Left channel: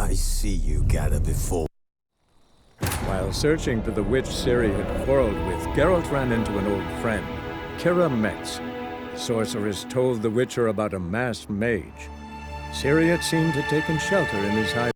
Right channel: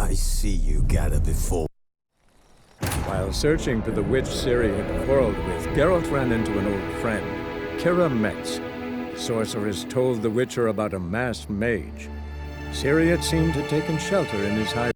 I see you gather before. While searching for the witch Ciri had quarreled with, Geralt ran into an old friend, Kira Metz. The sorceress told the Witcher about a masked mage. Ciri had seemed to have taken shelter in his high.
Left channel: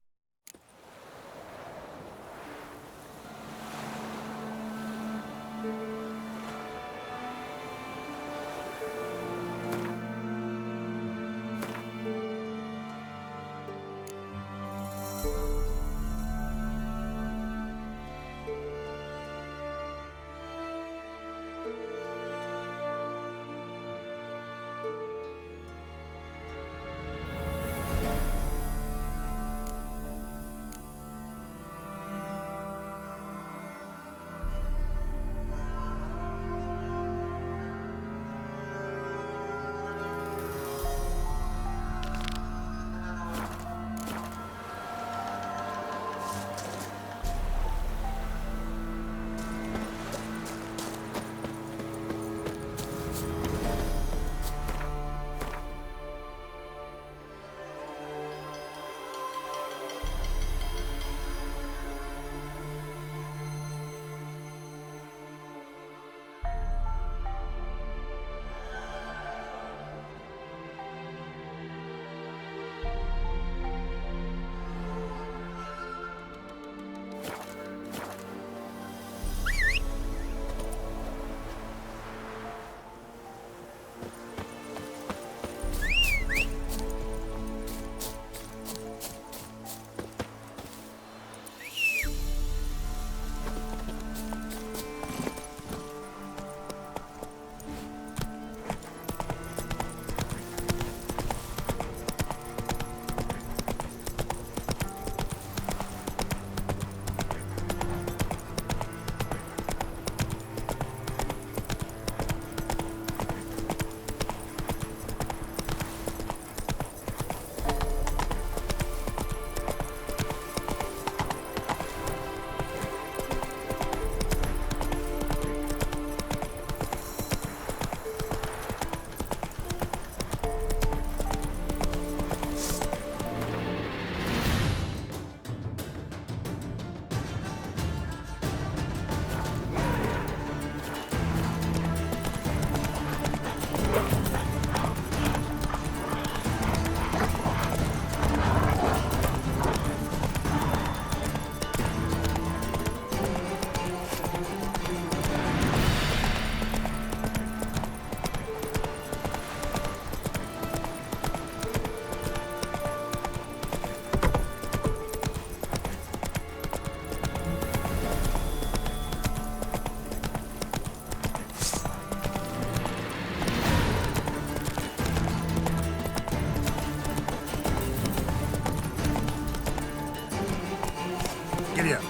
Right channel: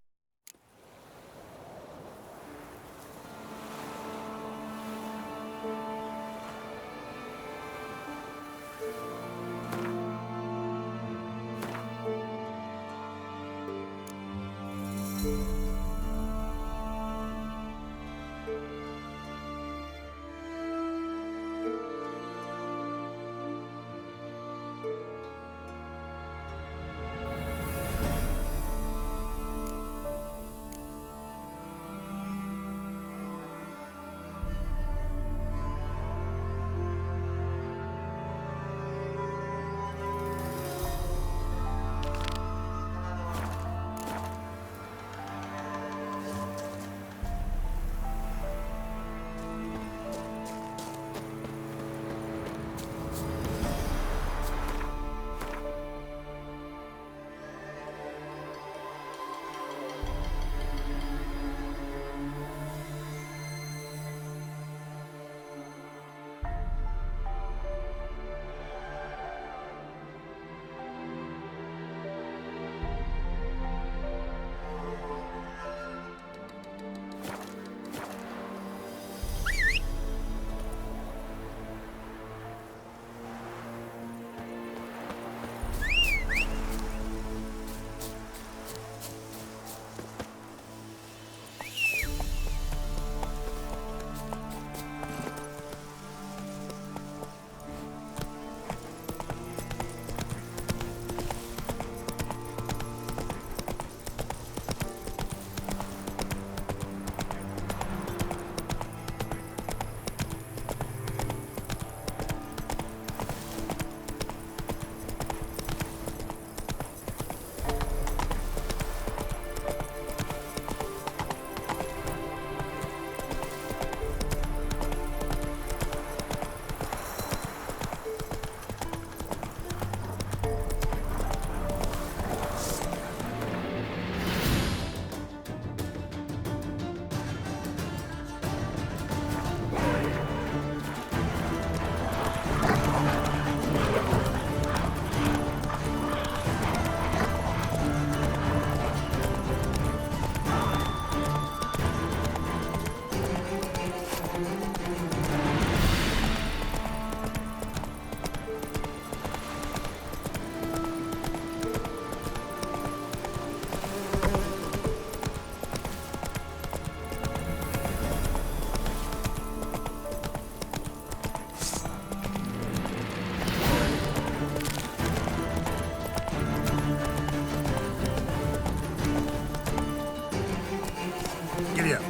Giddy up.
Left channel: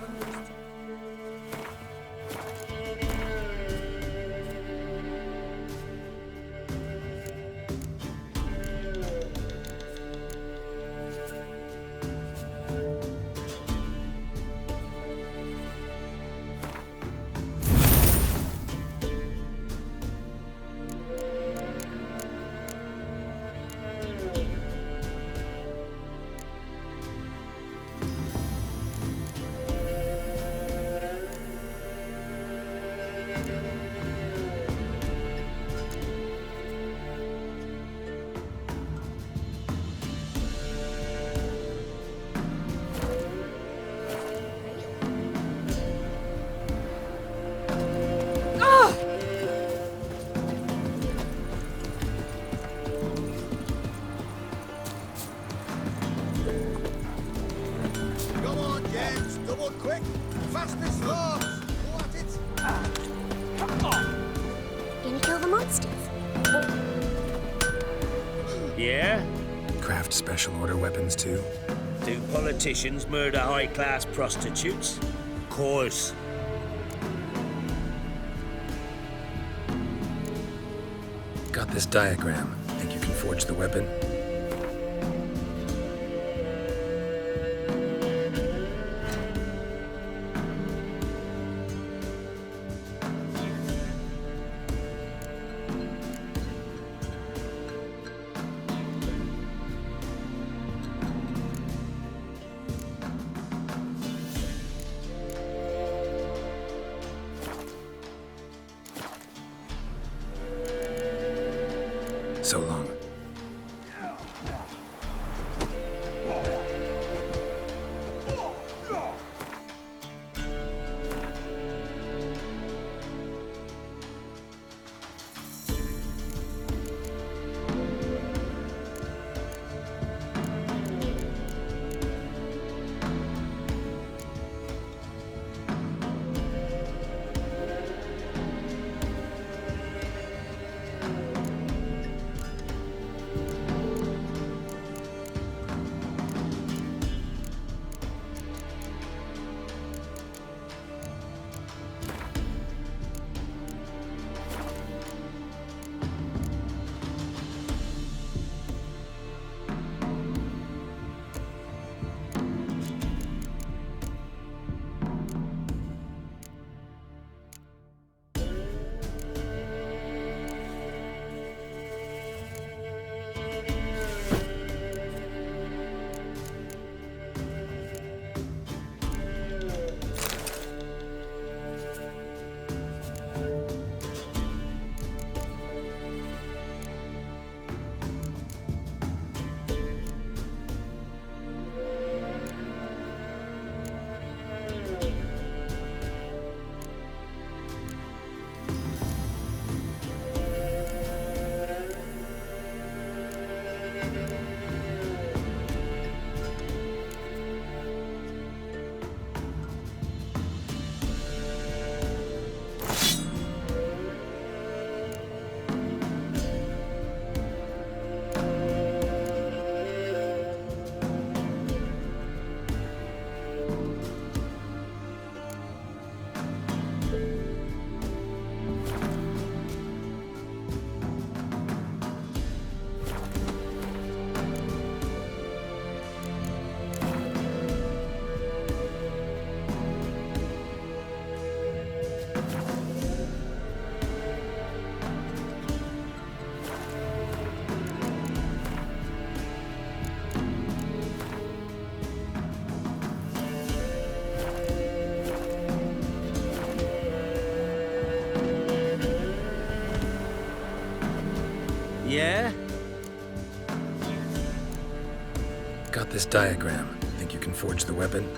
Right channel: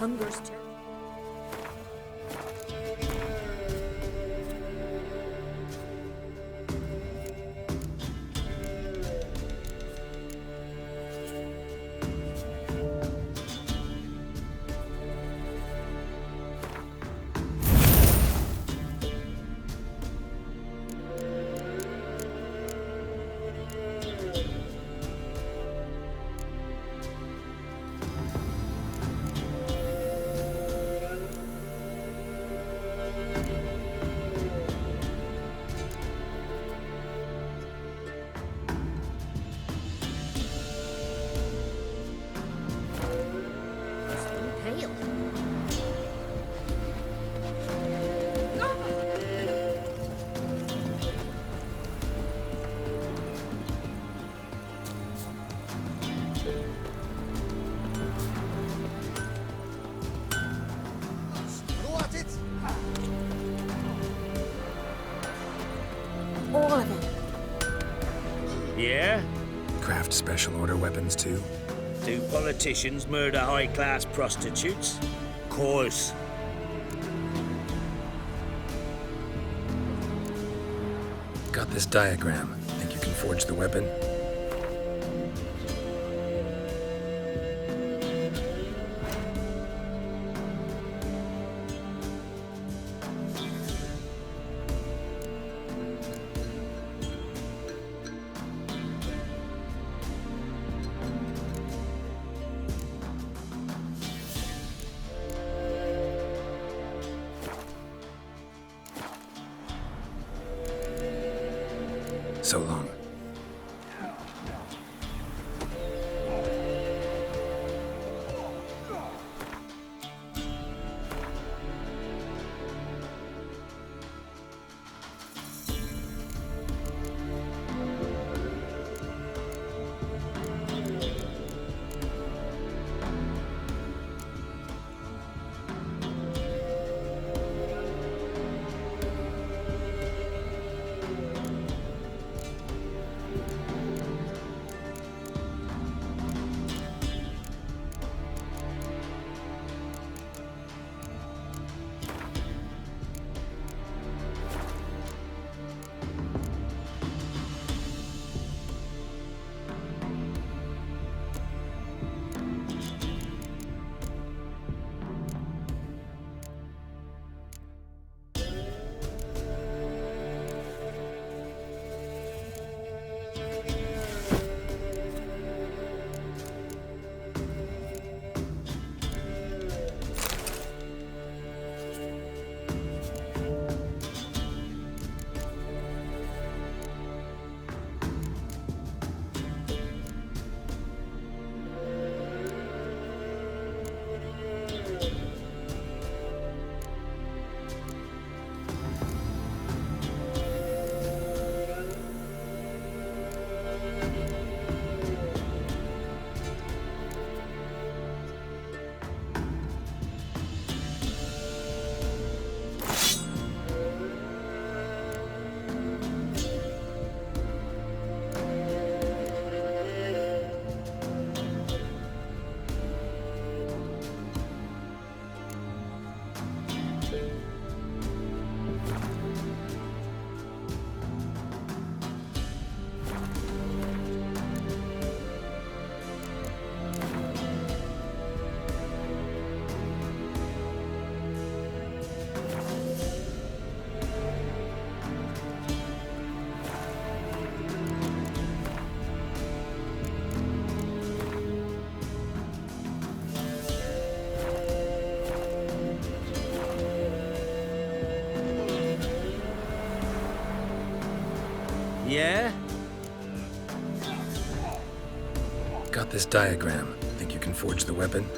Hunger's terrible. Craft special order weapons too? Do politicians murder high-class prostitutes? Course. Got this diagram. Think you can forge the weapon? So long. Yeah? Got this diagram. Think you can forge the weapon?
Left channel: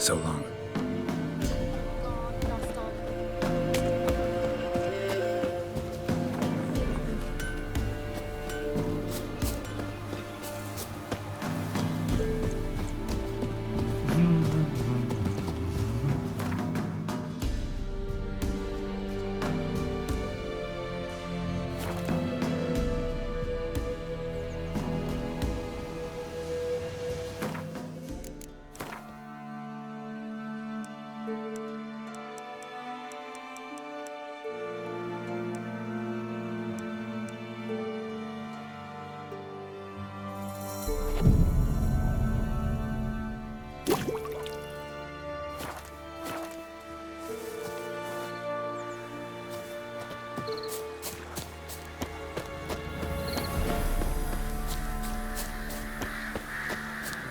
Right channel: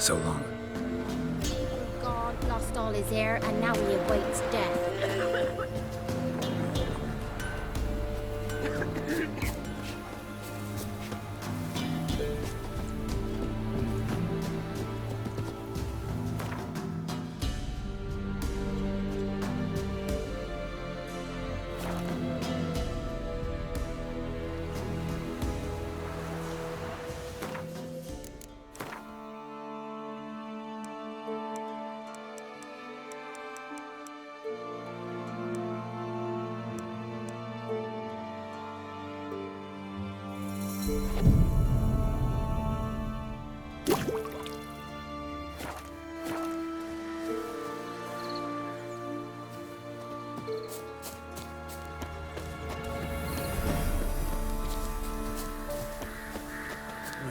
So long. God lost all his hair, and now he awaits death.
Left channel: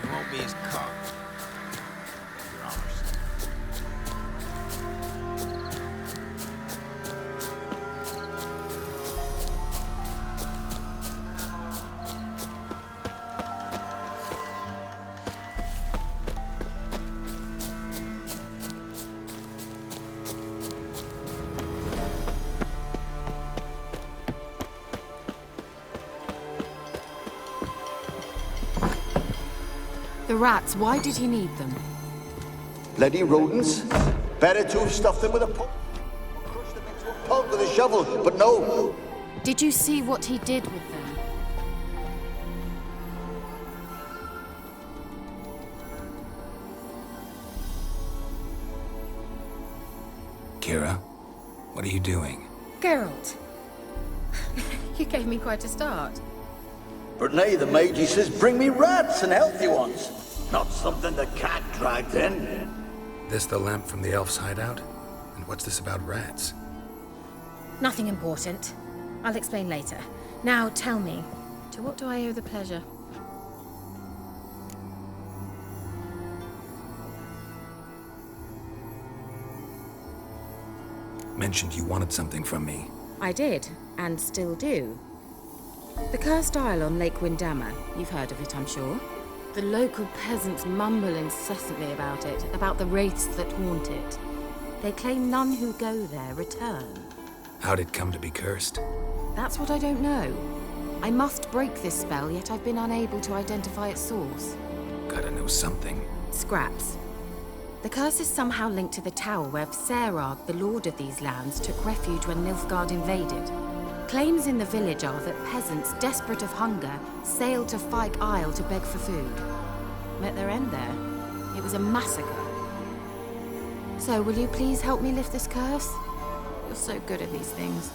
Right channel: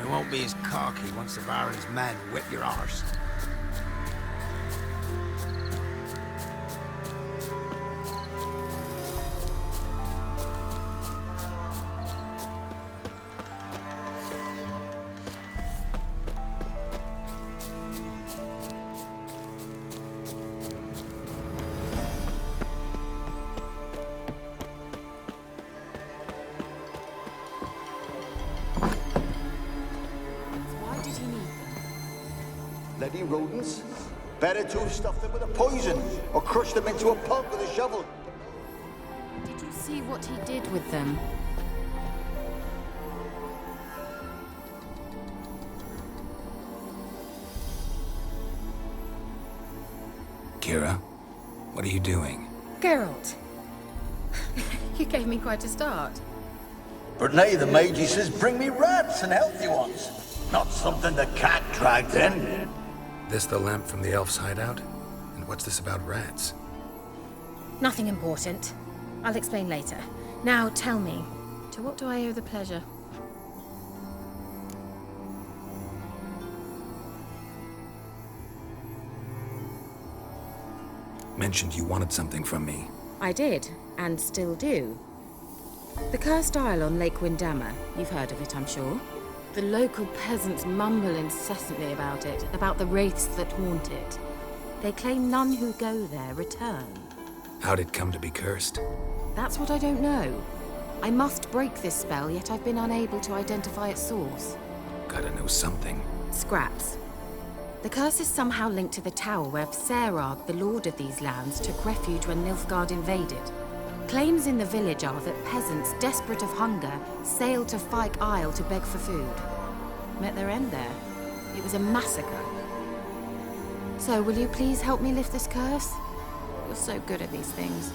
You won't be as cocky once the Barry's men whip your arse. The rats, why did he need them? Bloody rodents. Better to have stuffed them with a poison, or crushed them into a pulp with a shovel, but no. Did you see what he did with them? Kira, what are you doing? Geralt! You gave me quite a start. But now the mage, he says, bring me rats and healthy ones. Not something the cat dragged in. This the lamp from the elf's hideout? And what's this about rats? Nothing important. I'll explain later. Now tell me, to what do I owe the pleasure? Mentioned you wanted something from me. I did, and still do. The cursed isle on Lake Windammer. You've heard of it, I'm sure. The local peasants mumble incessantly about it, about the wraiths that haunt it. They claim none who go there return. How'd it come to be cursed? That's what I don't know. I must break this spell, yet I've been unable to identify its source. Gotta know something. Scraps. The curse is somehow linked to the tower where Serad, the lord of these lands, took refuge when Nilfgaard invaded. Claims in the village are that peasants, desperate of hunger, sailed to Fyke Isle to beg for food. Met their end there. It was a massacre. So, will you please help me lift this curse? You're so good at these things.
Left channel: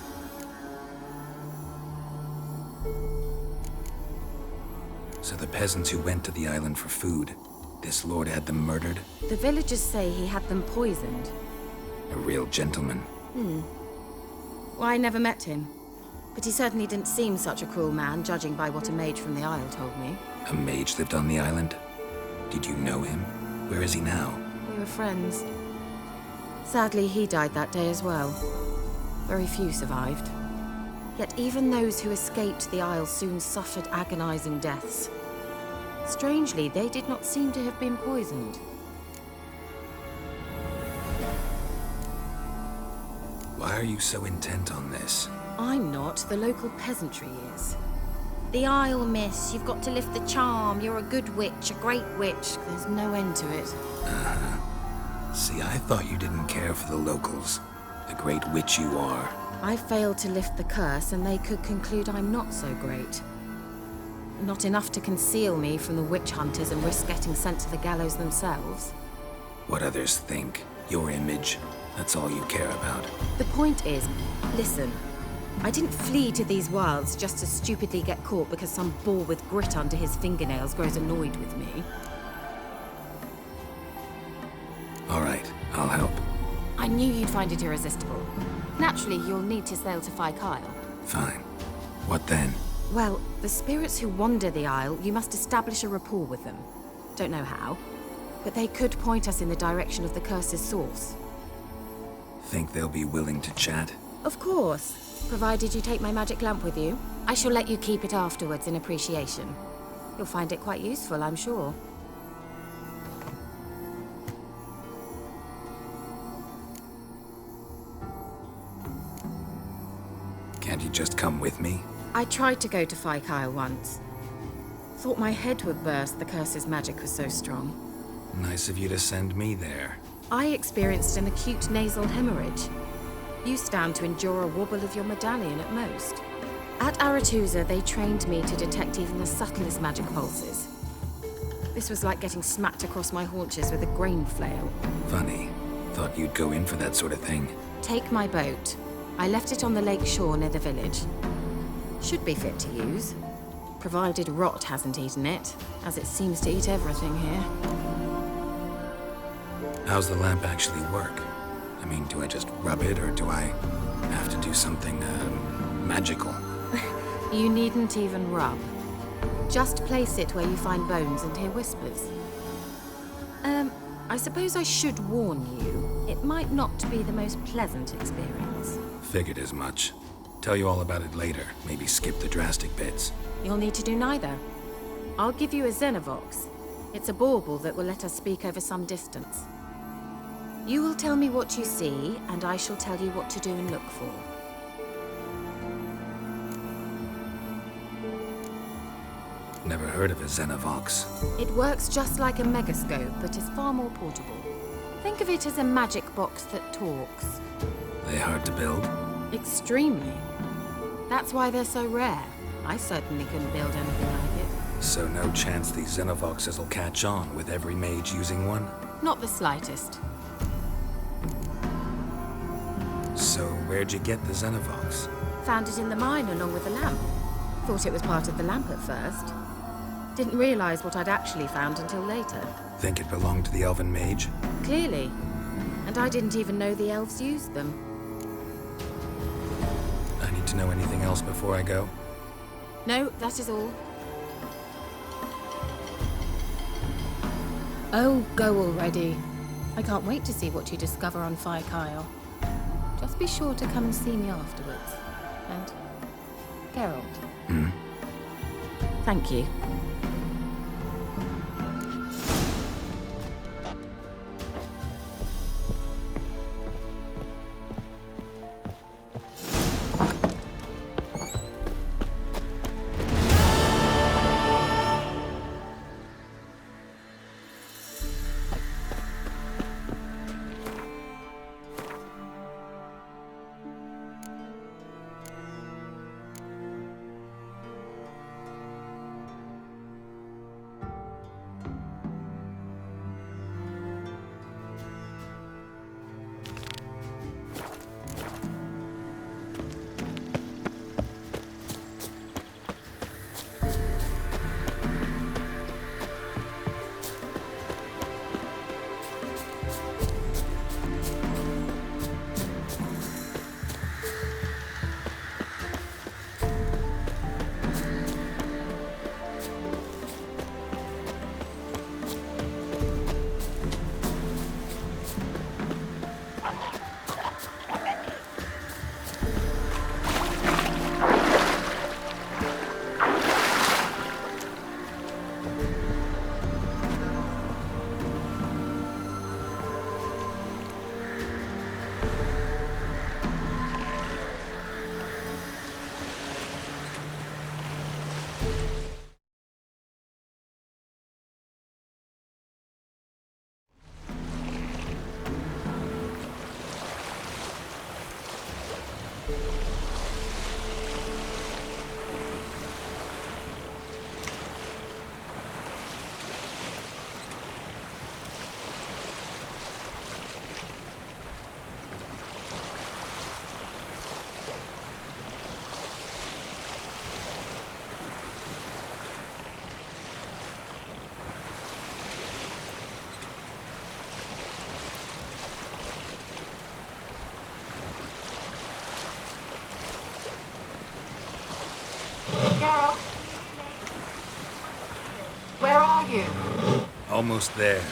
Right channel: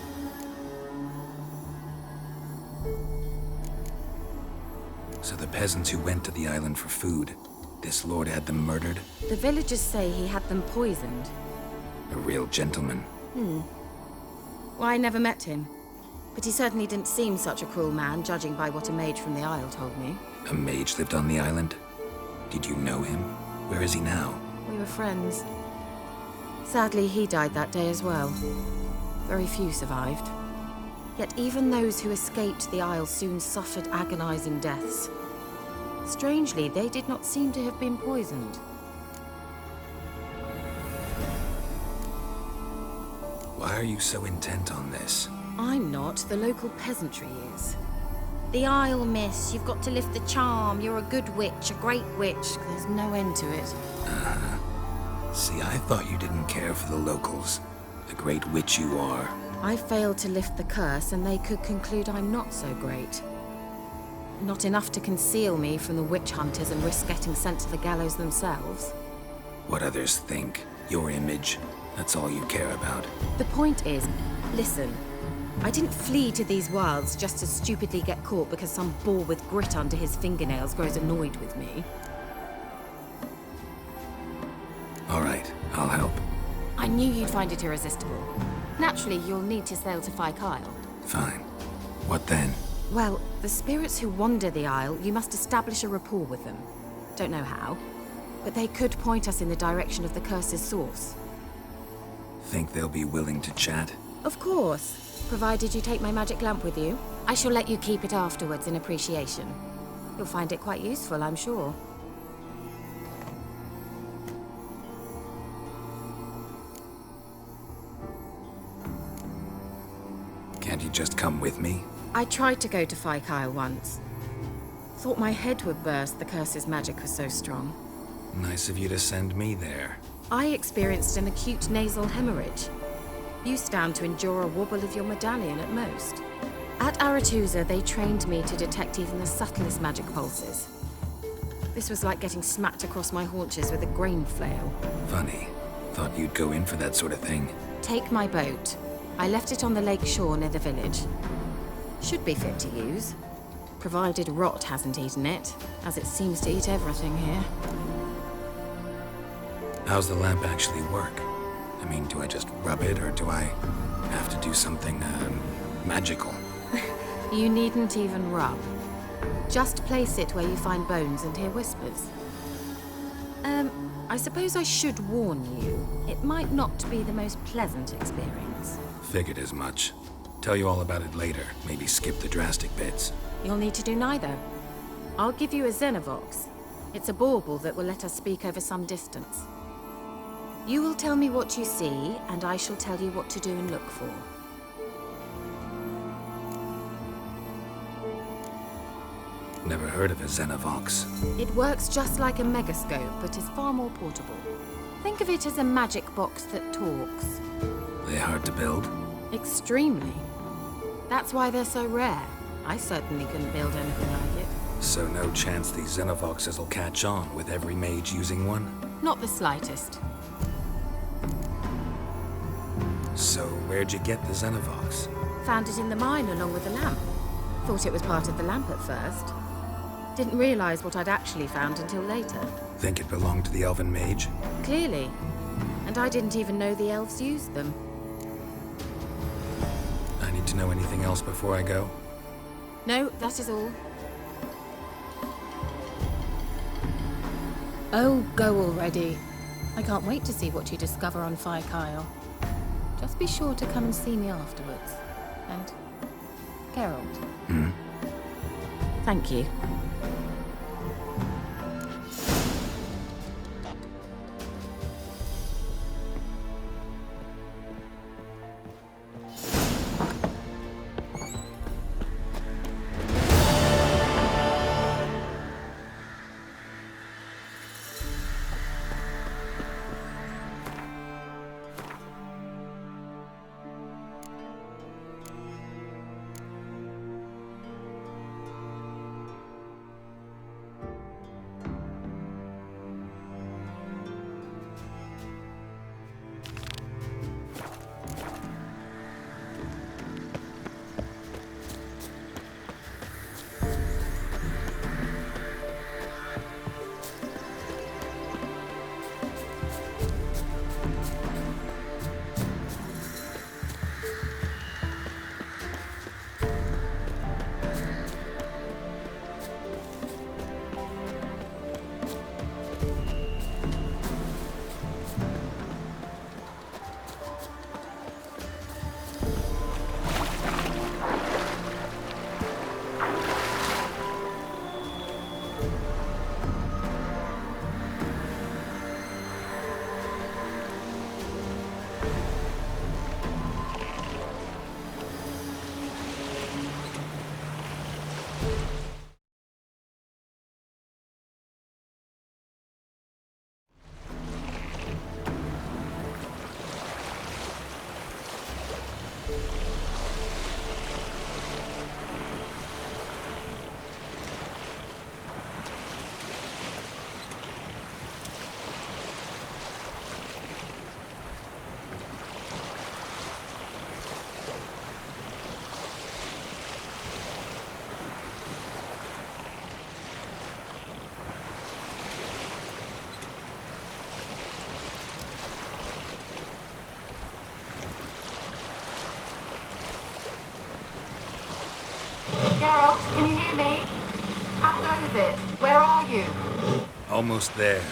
So the peasants who went to the island for food, this lord had them murdered? The villagers say he had them poisoned. A real gentleman. Well, I never met him. But he certainly didn't seem such a cruel man, judging by what a mage from the Isle told me. A mage lived on the island? Did you know him? Where is he now? We were friends. Sadly, he died that day as well. Very few survived. Yet even those who escaped the Isle soon suffered agonizing deaths. Strangely, they did not seem to have been poisoned. Why are you so intent on this? I'm not, the local peasantry is. The Isle, miss. You've got to lift the charm. You're a good witch, a great witch. There's no end to it. See, I thought you didn't care for the locals. The great witch you are. I failed to lift the curse, and they could conclude I'm not so great. Not enough to conceal me from the witch hunters and risk getting sent to the gallows themselves. What others think, your image, that's all you care about. The point is, listen, I didn't flee to these wilds just to stupidly get caught because some boar with grit under his fingernails grows annoyed with me. All right, I'll help. I knew you'd find it irresistible. Naturally, you'll need to sail to Fyke Isle. Fine. What then? Well, the spirits who wander the Isle, you must establish a rapport with them. Don't know how, but they could point us in the direction of the curse's source. Think they'll be willing to chat? Of course, provided you take my magic lamp with you. I shall let you keep it afterwards in appreciation. You'll find it quite useful, I'm sure. you just come with me? I tried to go to Kyle once. Thought my head would burst, the curse's magic was so strong. Nice of you to send me there. I experienced an acute nasal hemorrhage. You stand to endure a wobble of your medallion at most. At Aretusa, they trained me to detect even the subtlest magic pulses. This was like getting smacked across my haunches with a grain flail. Funny. Thought you'd go in for that sort of thing. Take my boat. I left it on the lake shore near the village. Should be fit to use. Provided rot hasn't eaten it, as it seems to eat everything here. How's the lamp actually work? I mean, do I just rub it, or do I have to do something, magical? You needn't even rub. Just place it where you find bones and hear whispers. I suppose I should warn you, it might not be the most pleasant experience. Figured as much. Tell you all about it later. Maybe skip the drastic bits. You'll need to do neither. I'll give you a Xenovox. It's a bauble that will let us speak over some distance. You will tell me what you see, and I shall tell you what to do and look for. Never heard of a Xenovox. It works just like a megascope, but is far more portable. Think of it as a magic box that talks. They hard to build? Extremely. That's why they're so rare. I certainly couldn't build anything like it. So no chance these Xenovoxes will catch on with every mage using one? Not the slightest. So where'd you get the Xenovox? Found it in the mine along with the lamp. Thought it was part of the lamp at first. Didn't realize what I'd actually found until later. Think it belonged to the elven mage? Clearly. And I didn't even know the elves used them. I need to know anything else before I go? No, that is all. Oh, go already. I can't wait to see what you discover on Kyle. Just be sure to come and see me afterwards. And Geralt. Thank you. Geralt, can you hear me? How close is it? Where are you? Almost there.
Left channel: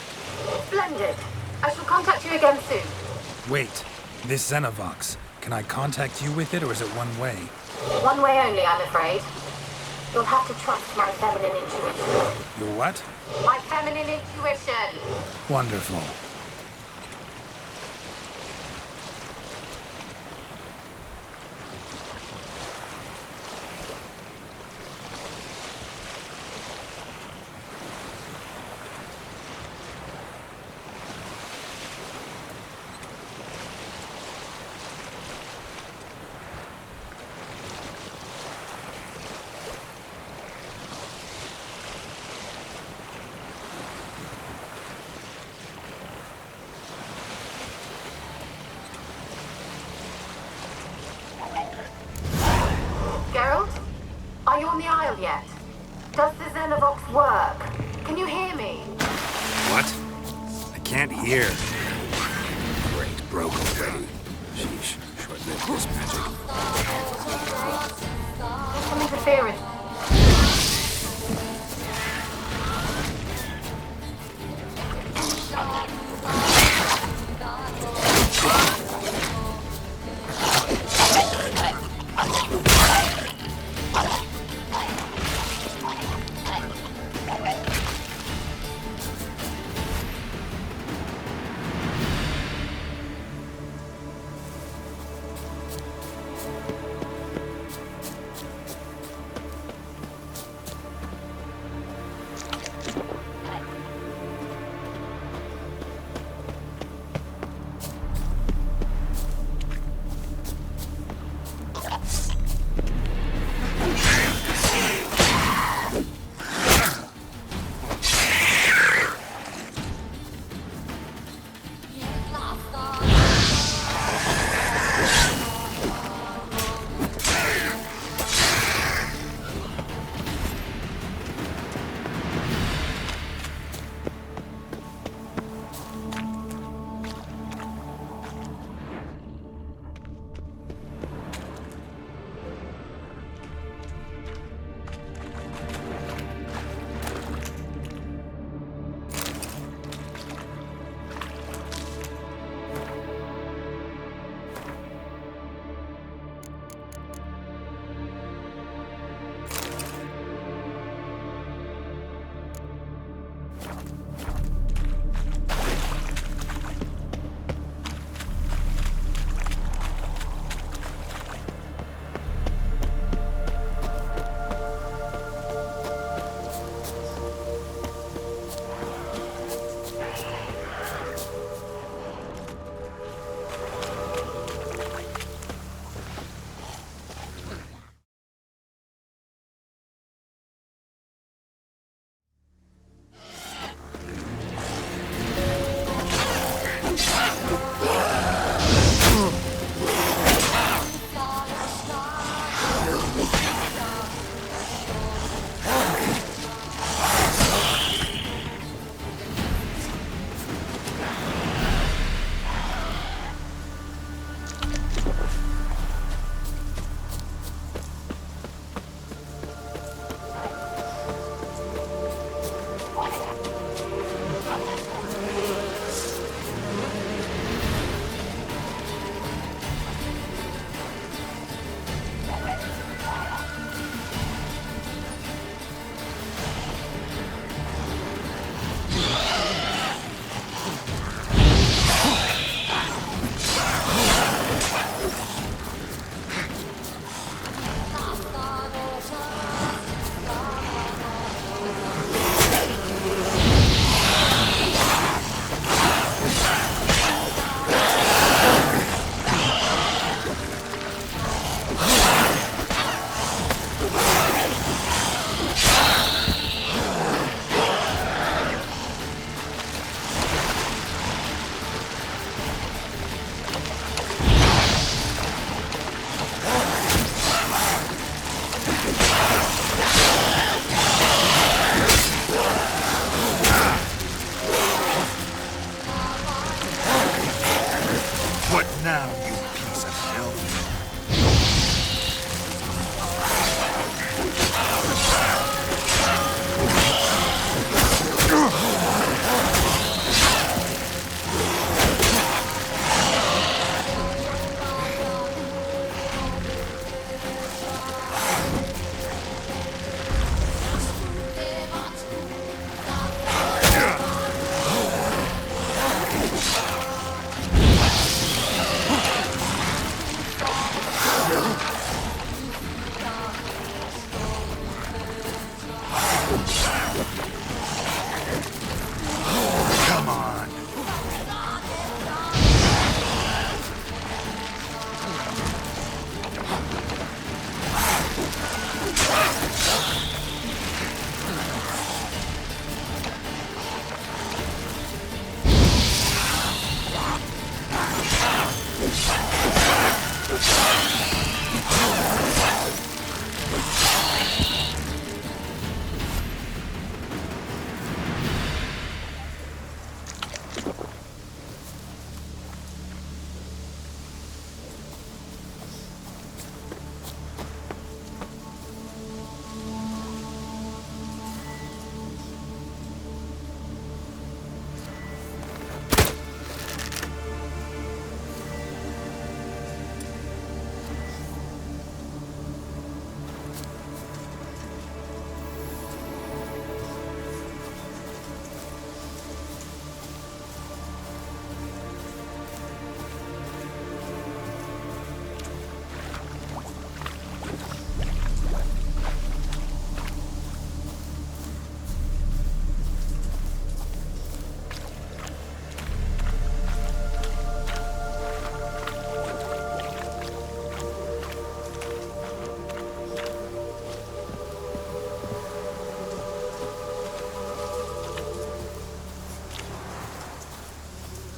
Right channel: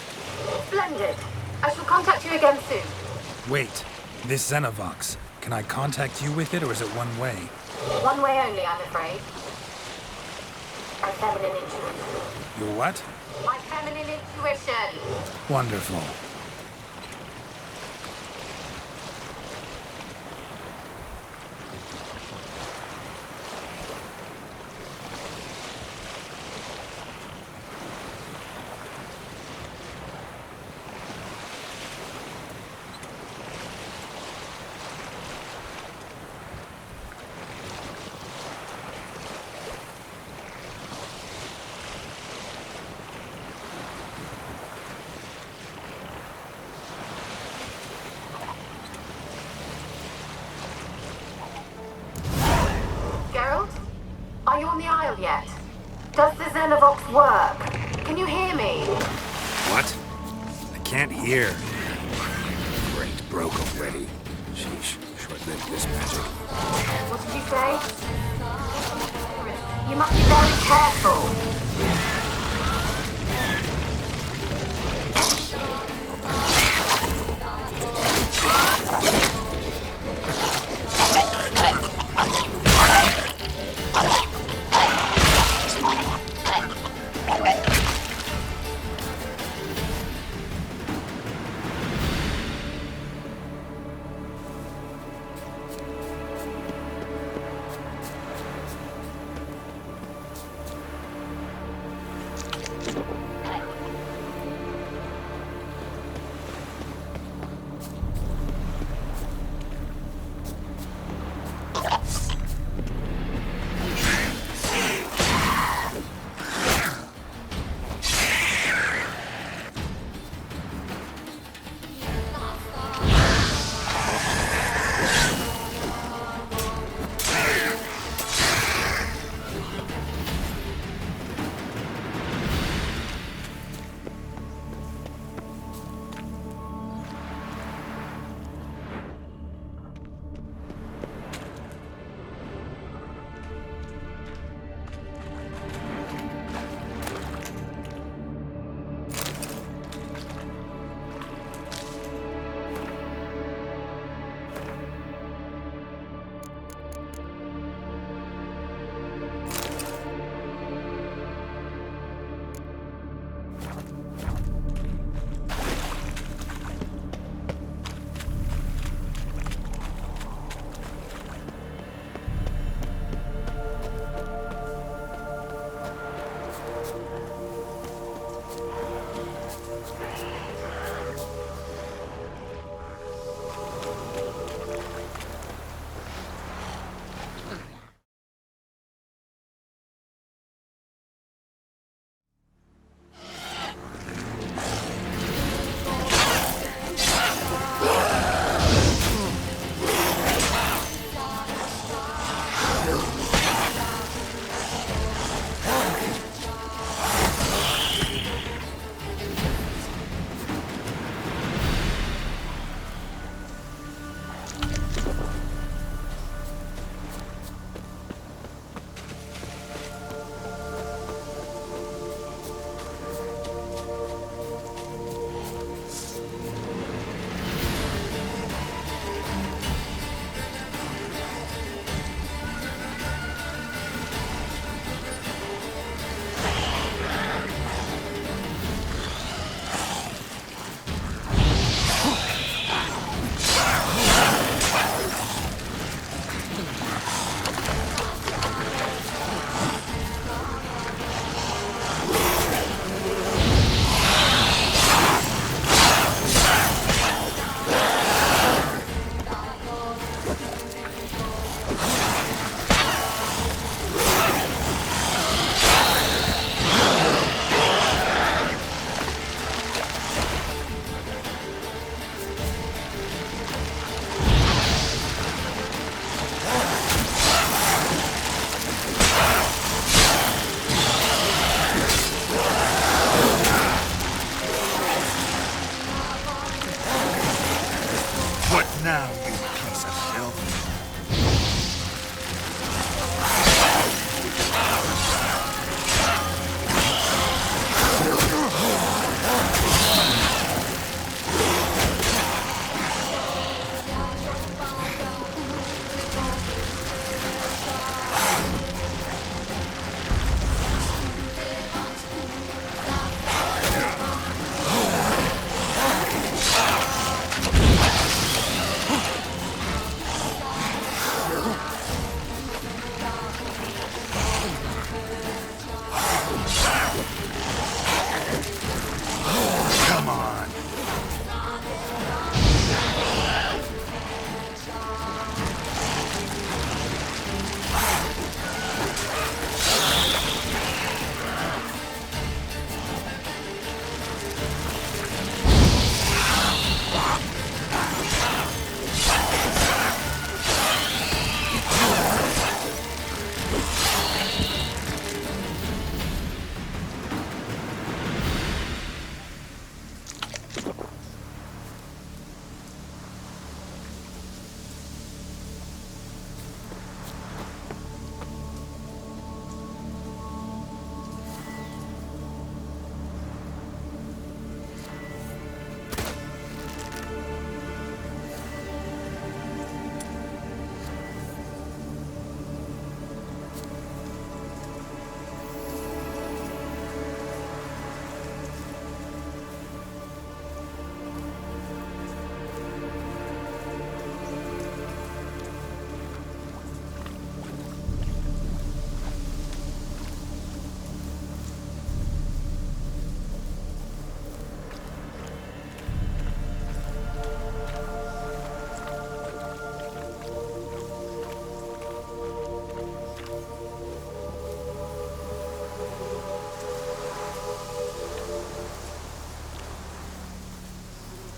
Splendid. I shall contact you again soon. Wait, this Xenovox. Can I contact you with it, or is it one way? One way only, I'm afraid. You'll have to trust my feminine intuition. Your what? My feminine intuition! Wonderful. Televox work? Can you hear me? What? I can't hear. Great, broke already. Sheesh, short-lived this magic. What did you say? There's some interference. You must be very careful.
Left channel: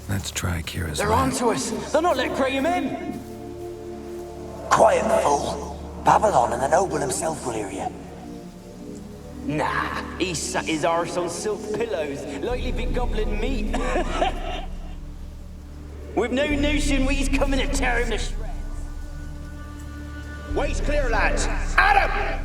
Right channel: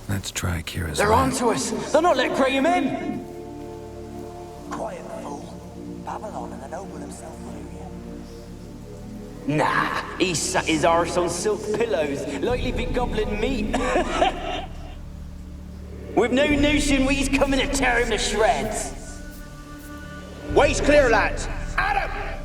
Let's try Kira's They're lamp. onto us! They're not letting Graham in! Quiet, fool. Babylon and the noble himself will hear you. Nah, he sat his arse on silk pillows, likely be gobbling meat. With no notion we's coming to tear him to shreds. Way's clear, lads. Adam!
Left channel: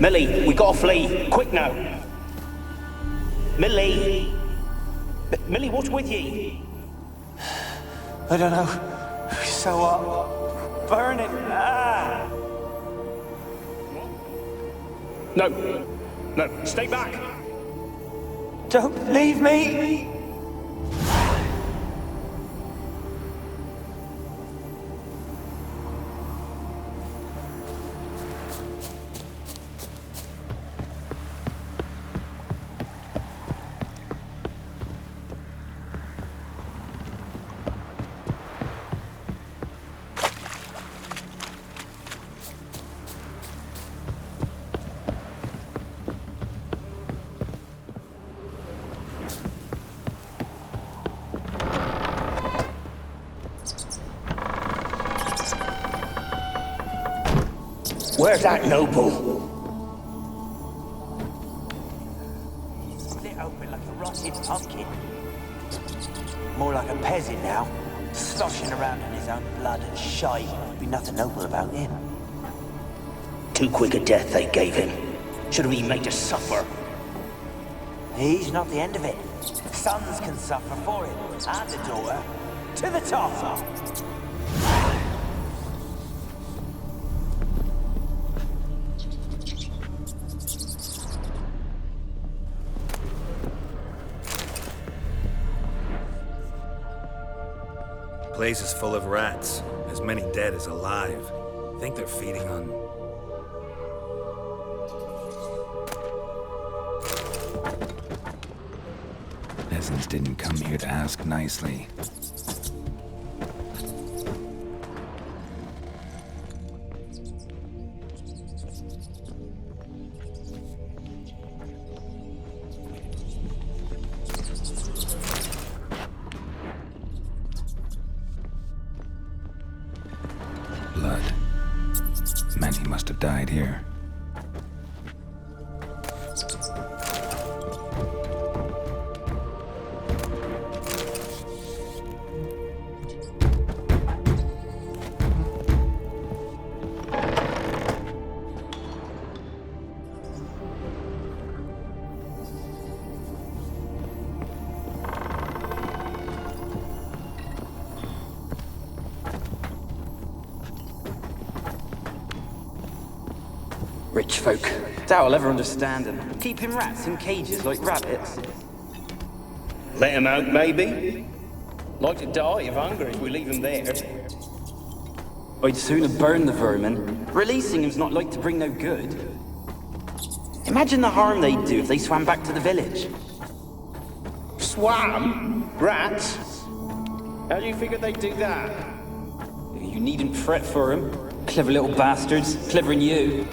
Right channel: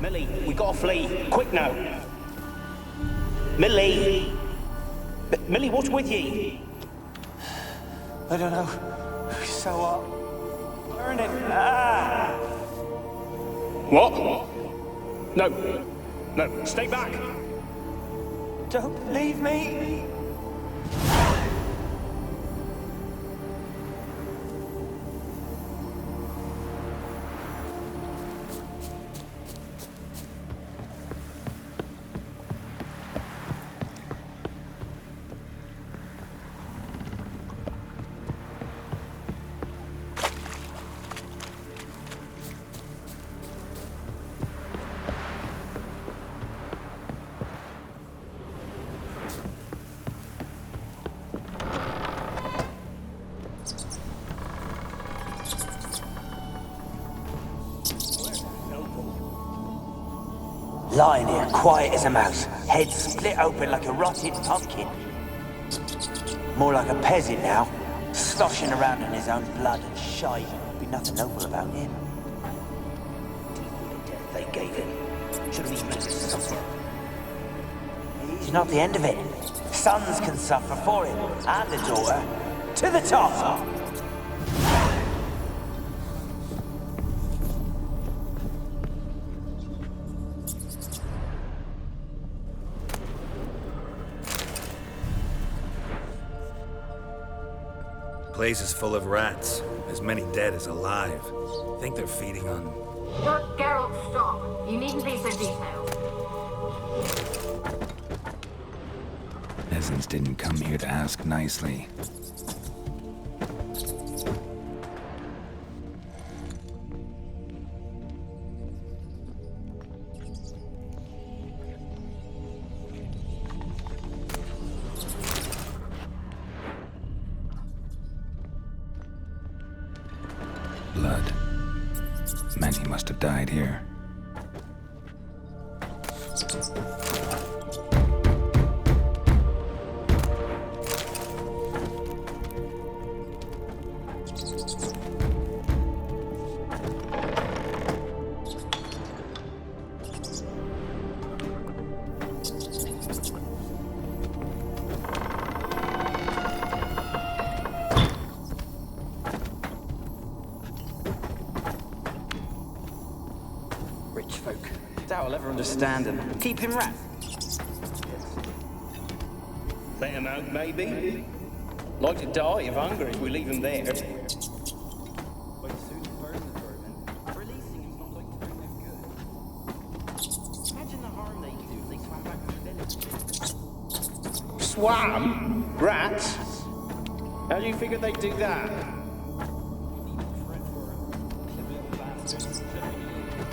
Millie, we gotta flee. Quick now. Millie! Millie, what's with ye? I don't know. So what? Burning. Ah! What? No. No, stay back! Don't leave me! Where's that noble? Lying here, quiet as a mouse, head split open like a rotted pumpkin. More like a peasant now, sloshing around in his own blood and shite. Be nothing noble about him. Too quick a death they gave him. Should have been made to suffer. He's not the end of it. Sons can suffer for him, and the daughter. To the top! Place is full of rats. As many dead as alive. Think they're feeding on... Look, Geralt, stop. You needn't be so detailed. Peasants didn't come here to ask nicely. Blood. Many must have died here. Rich folk. Doubt I'll ever understand them. Keeping rats in cages like rabbits. Let him out, maybe? Like to die of hunger if we leave them there. I'd sooner burn the vermin. Releasing him's not like to bring no good. Imagine the harm they'd do if they swam back to the village. Swam? Rats? How do you figure they'd do that? You needn't fret for 'em. Clever little bastards. Clever than you.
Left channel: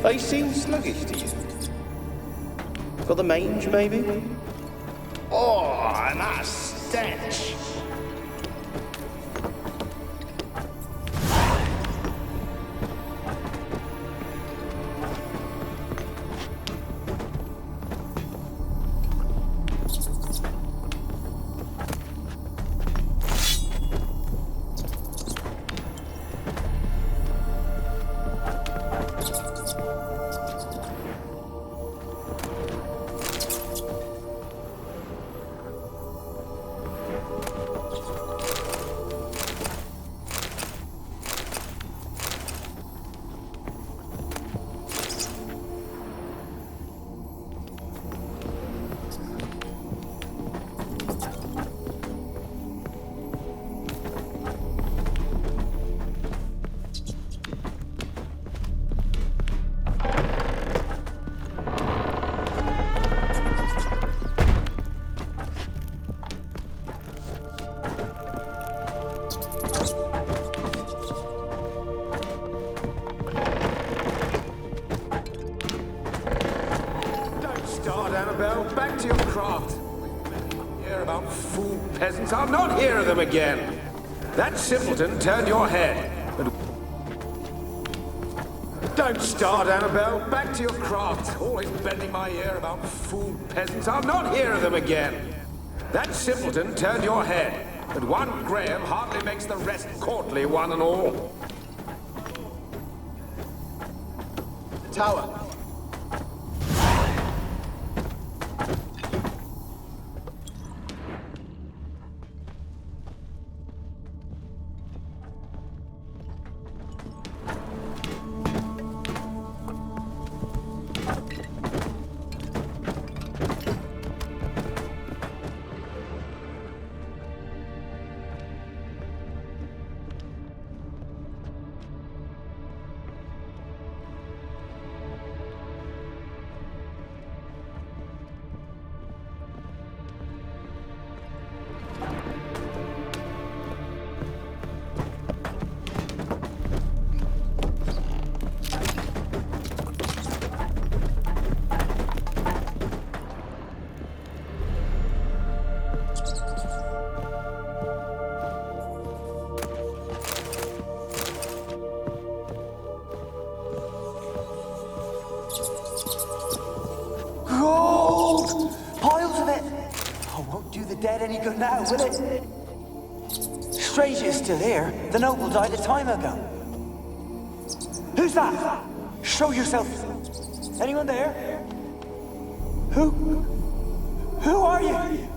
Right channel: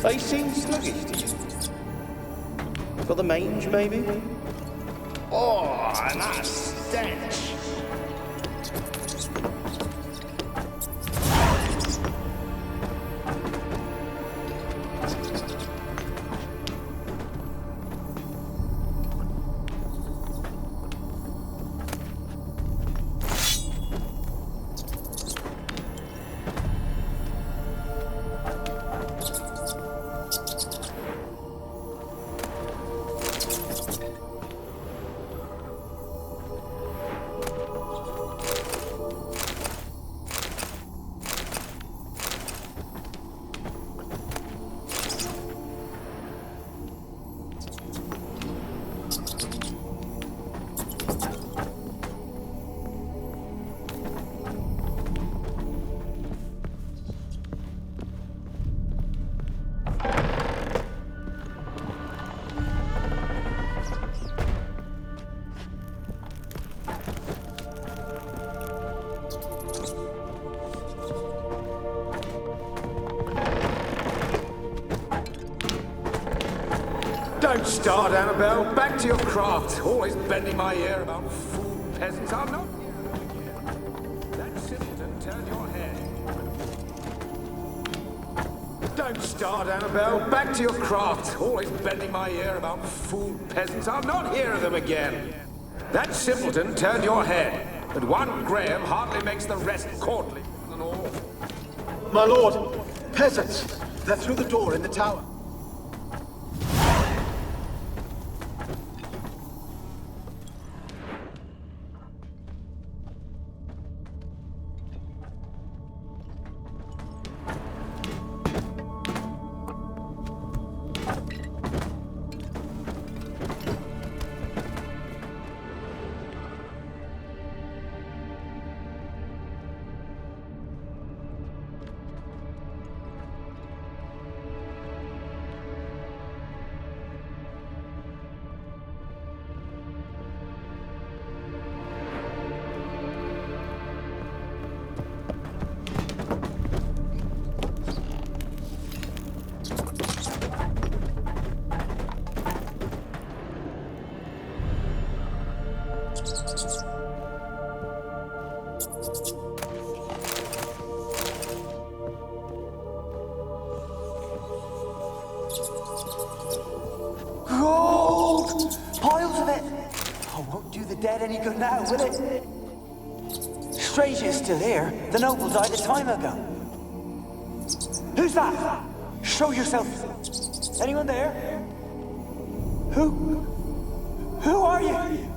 They seem sluggish to you. For the mange, maybe? Oh, and that stench! Don't start, Annabelle. Back to your craft. Always bending my ear about fool peasants. I'll not hear of them again. That simpleton turned your head. But... Don't start, Annabelle. Back to your craft. Always bending my ear about fool peasants. I'll not hear of them again. That simpleton turned your head. But one Graham hardly makes the rest courtly, one and all. My lord, peasants. They're through the door in the tower. dead any good now, will it? Strange you're still here. The noble died a time ago. Who's that? Show yourself. Anyone there? Who are you?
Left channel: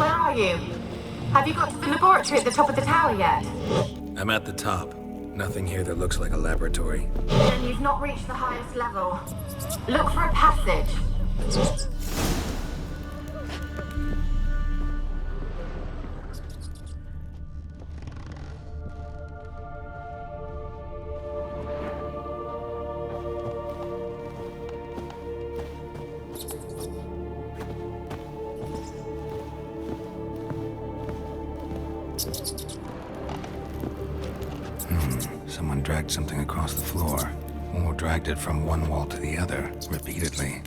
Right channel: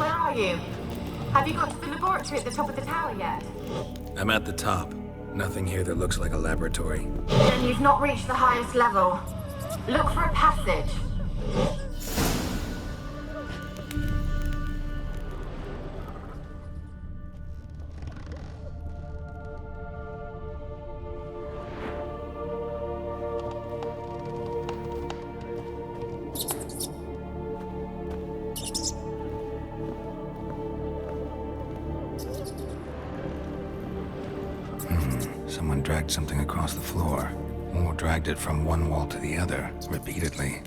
Are you? Have you got to the laboratory at the top of the tower yet? I'm at the top. Nothing here that looks like a laboratory. Then you've not reached the highest level. Look for a passage. Someone dragged something across the floor, or dragged it from one wall to the other, repeatedly.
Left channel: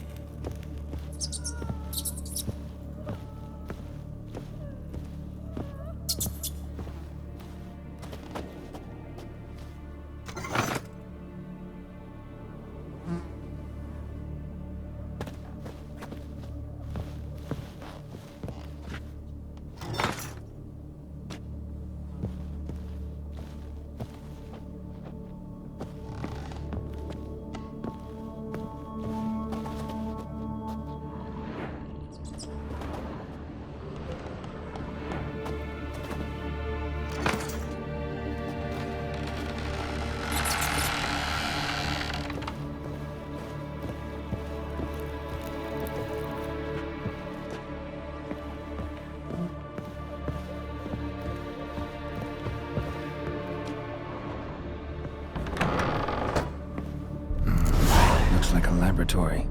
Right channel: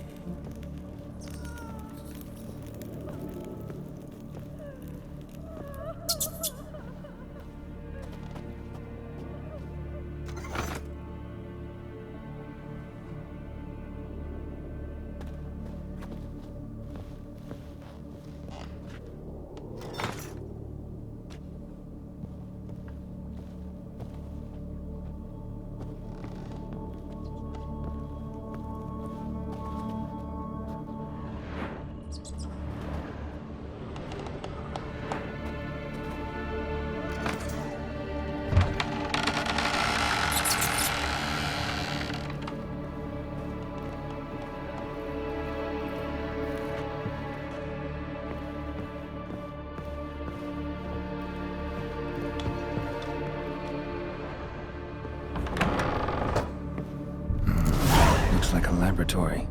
Like a laboratory.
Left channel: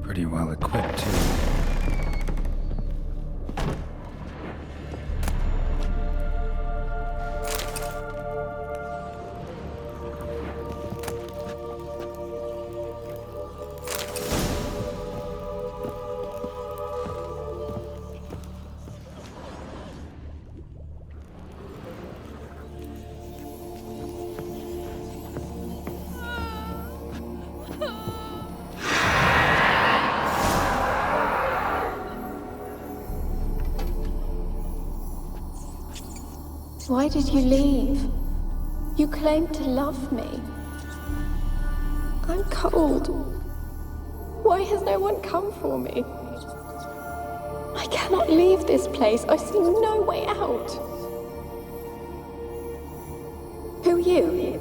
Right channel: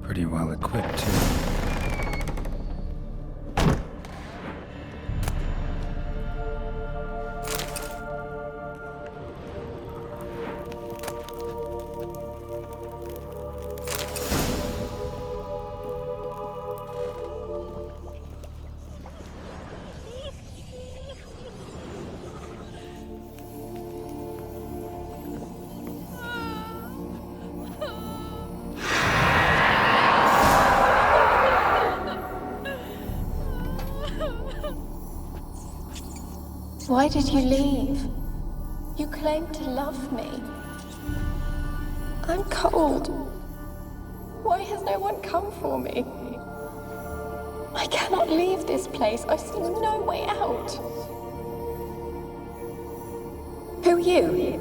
Pretty well equipped, too. Why did you leave? You claimed to love me. I'm cold. Why has no one come for me? I cannot leave this place. I see no way out. Who are you?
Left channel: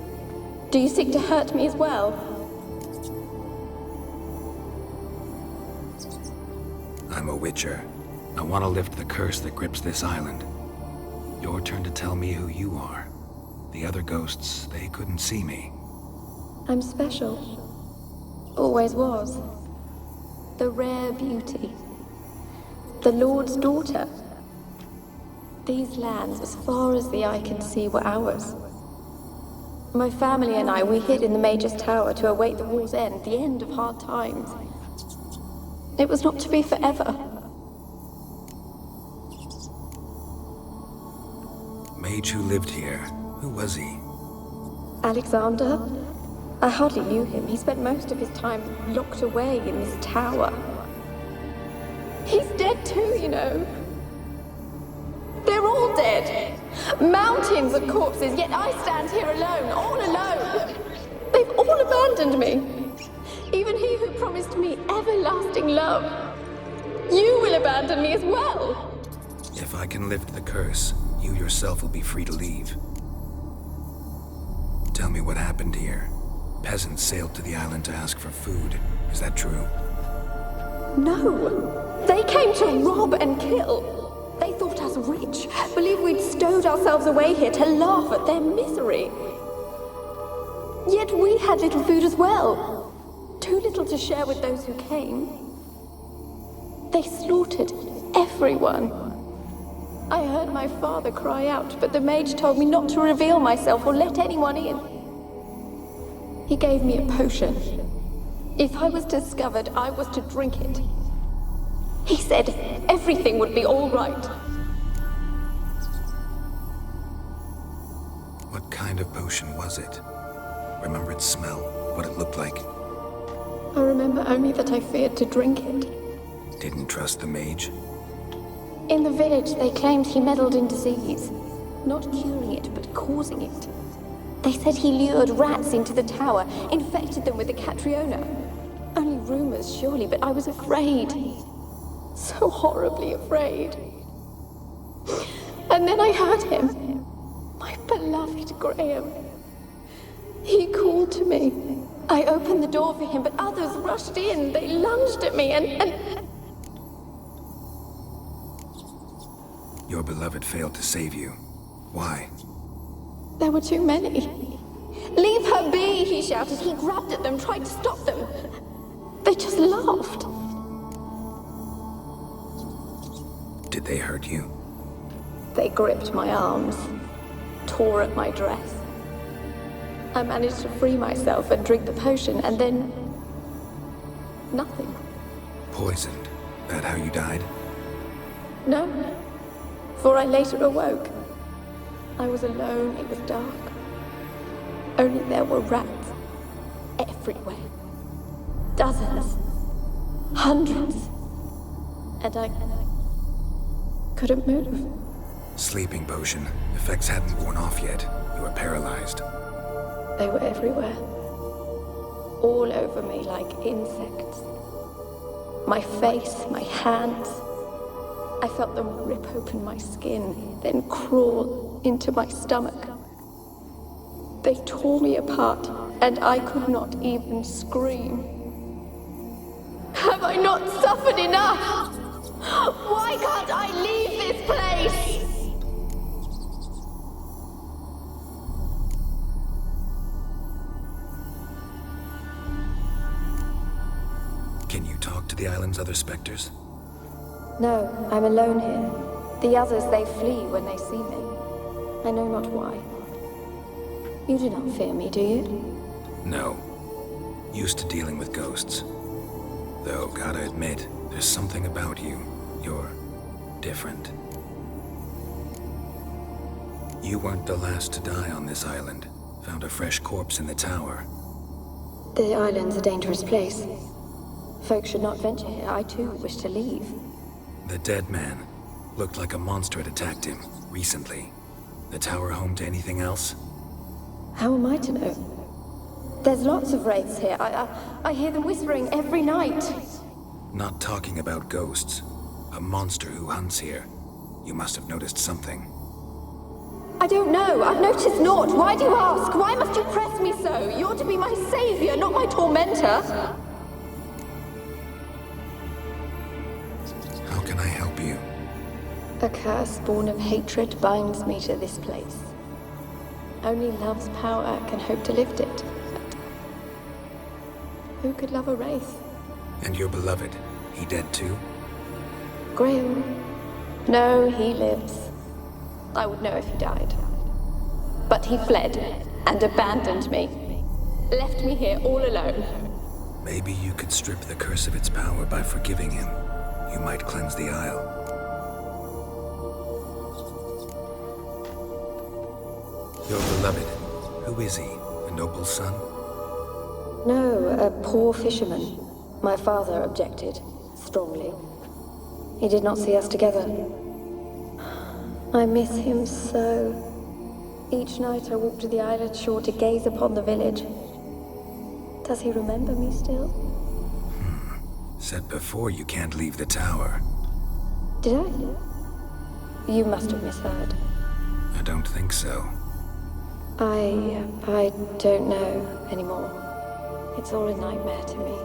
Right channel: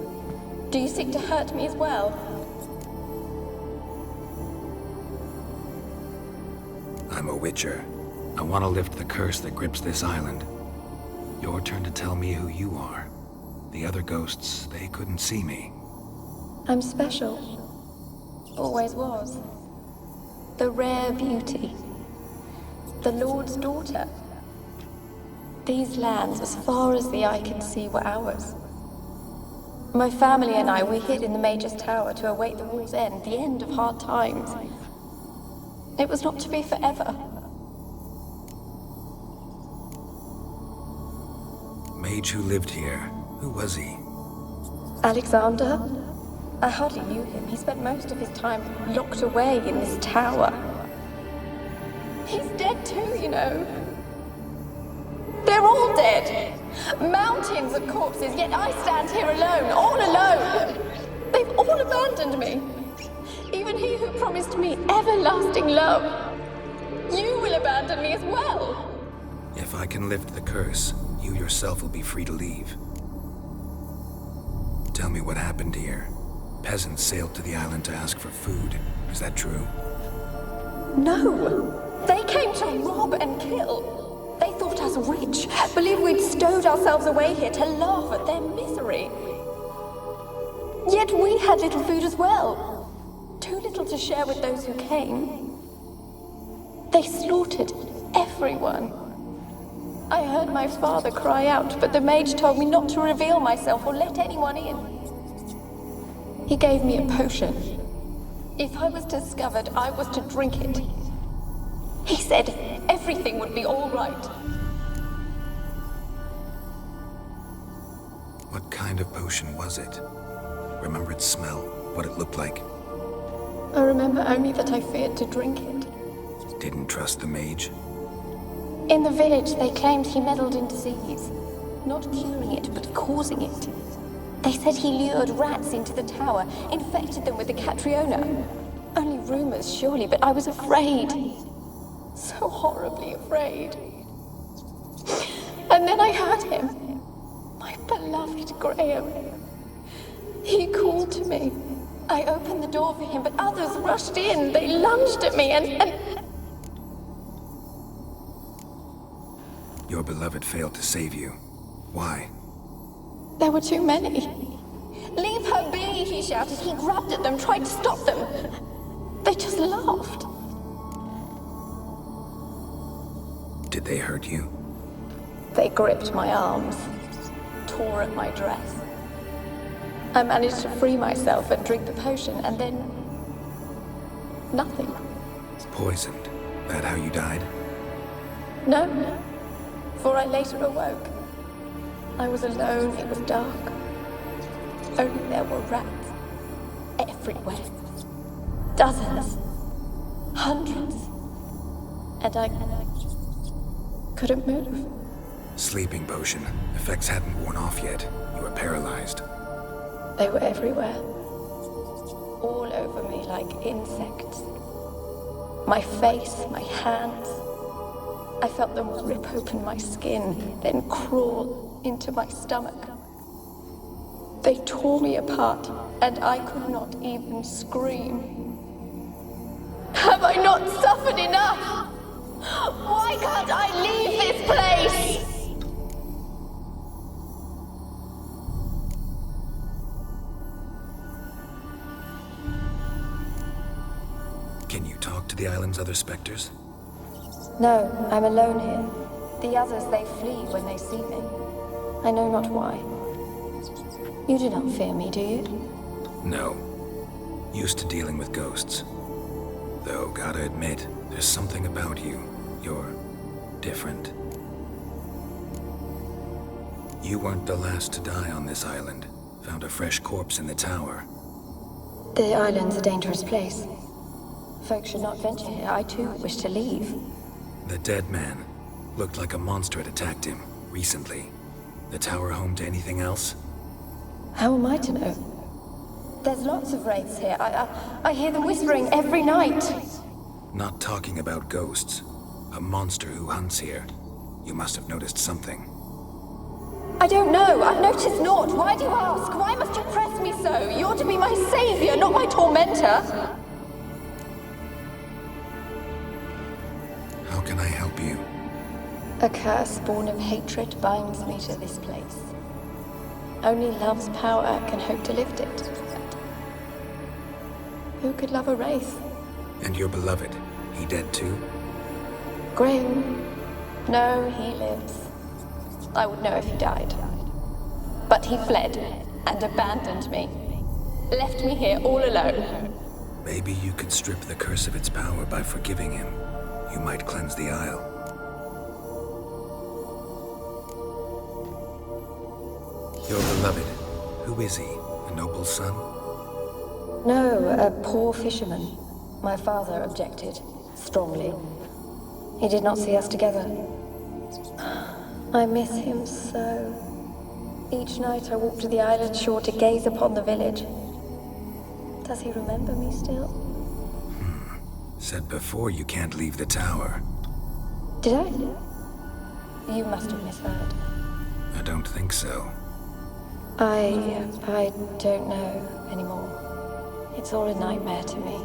Do you seek to hurt me as well? I'm a Witcher. I want to lift the curse that grips this island. Your turn to tell me who you are. The other ghosts, they couldn't see me. I'm special. Always was. The rare beauty. The Lord's daughter. These lands, as far as the eye can see, were ours. My family and I, we hid in the Major's Tower to await the war's end, the end of hard times. It was not to be forever. Mage who lived here. Who was he? Alexander? I hardly knew him. He spent most of his time locked away in this tower. He's dead too, you know. They're all dead. Mountains of corpses, yet I stand here alone, all alone. They've all abandoned me. Even he who promised me everlasting love. You will abandon me as well. If I can lift the curse, you yourself will be free to leave. Tell me what happened here. Peasants sailed to the island to ask for food. Is that true? No. They came to rob and kill. They thought us rich, believed we'd stowed ourselves away here to laugh at their misery. Yet we had little food as well. Too little to share with those who came. They slaughtered everyone. I heard my father cry out, but the mage told me not to reveal myself or let anyone in. He gave me a potion. If I was discovered, I was to drink it. He said everything would be all right. What kind of potion was it? Remember its smell? What it looked like? I remember only that I feared to drink it. Didn't trust the mage? In the village, they claimed he meddled in disease. Not curing it, but causing it. They said he lured rats into the tower, infected them with the Catriona. Only rumors, surely, but I was afraid. So horribly afraid. And then I heard him. My beloved Graham. He called to me. I opened the door for him, but others rushed in. They lunged at me and... Your beloved failed to save you. Why? There were too many. Leave her be, he shouted. He grabbed at them, tried to stop them. They just laughed. Did they hurt you? They gripped my arms, tore at my dress. I managed to free myself and drink the potion, and then... nothing. Poisoned. That how you died? No, for I later awoke. I was alone, it was dark. Only there were rats. Everywhere. Dozens. Hundreds. And I couldn't move. Sleeping potion. Effects hadn't worn off yet. You were paralyzed. They were everywhere. All over me like insects. My face, my hands. I felt them rip open my skin, then crawl into my stomach. They tore me apart, and I could not even scream. Have I not suffered enough? Why can't I leave this place? Can you talk to the island's other specters? No, I'm alone here. The others, they flee when they see me. I know not why. You do not fear me, do you? No. Used to dealing with ghosts. Though, gotta admit, there's something about you. You're different. You weren't the last to die on this island. Found a fresh corpse in the tower. The island's a dangerous place. Folk should not venture here. I too wish to leave. The dead man. Looked like a monster had attacked him, recently. The tower home to anything else? How am I to know? There's lots of wraiths here. I hear them whispering every night. Not talking about ghosts. A monster who hunts here. You must have noticed something. I don't know. I've noticed naught. Why do you ask? Why must you press me so? You're to be my savior, not my tormentor. How can I help help you? A curse born of hatred binds me to this place. Only love's power can hope to lift it. Who could love a wraith? And your beloved, he dead too? Graham? No, he lives. I would know if he died. But he fled and abandoned me. Left me here all alone. Maybe you could strip the curse of its power by forgiving him. You might cleanse the Isle. Your beloved, who is he? A noble son? No, a poor fisherman. My father objected, strongly. He did not see us together. I miss him so. Each night I walk to the island shore to gaze upon the village. Does he remember me still? Said before you can't leave the tower. Did I? You must have misheard. I don't think so. I don't know anymore. It's all a nightmare to me.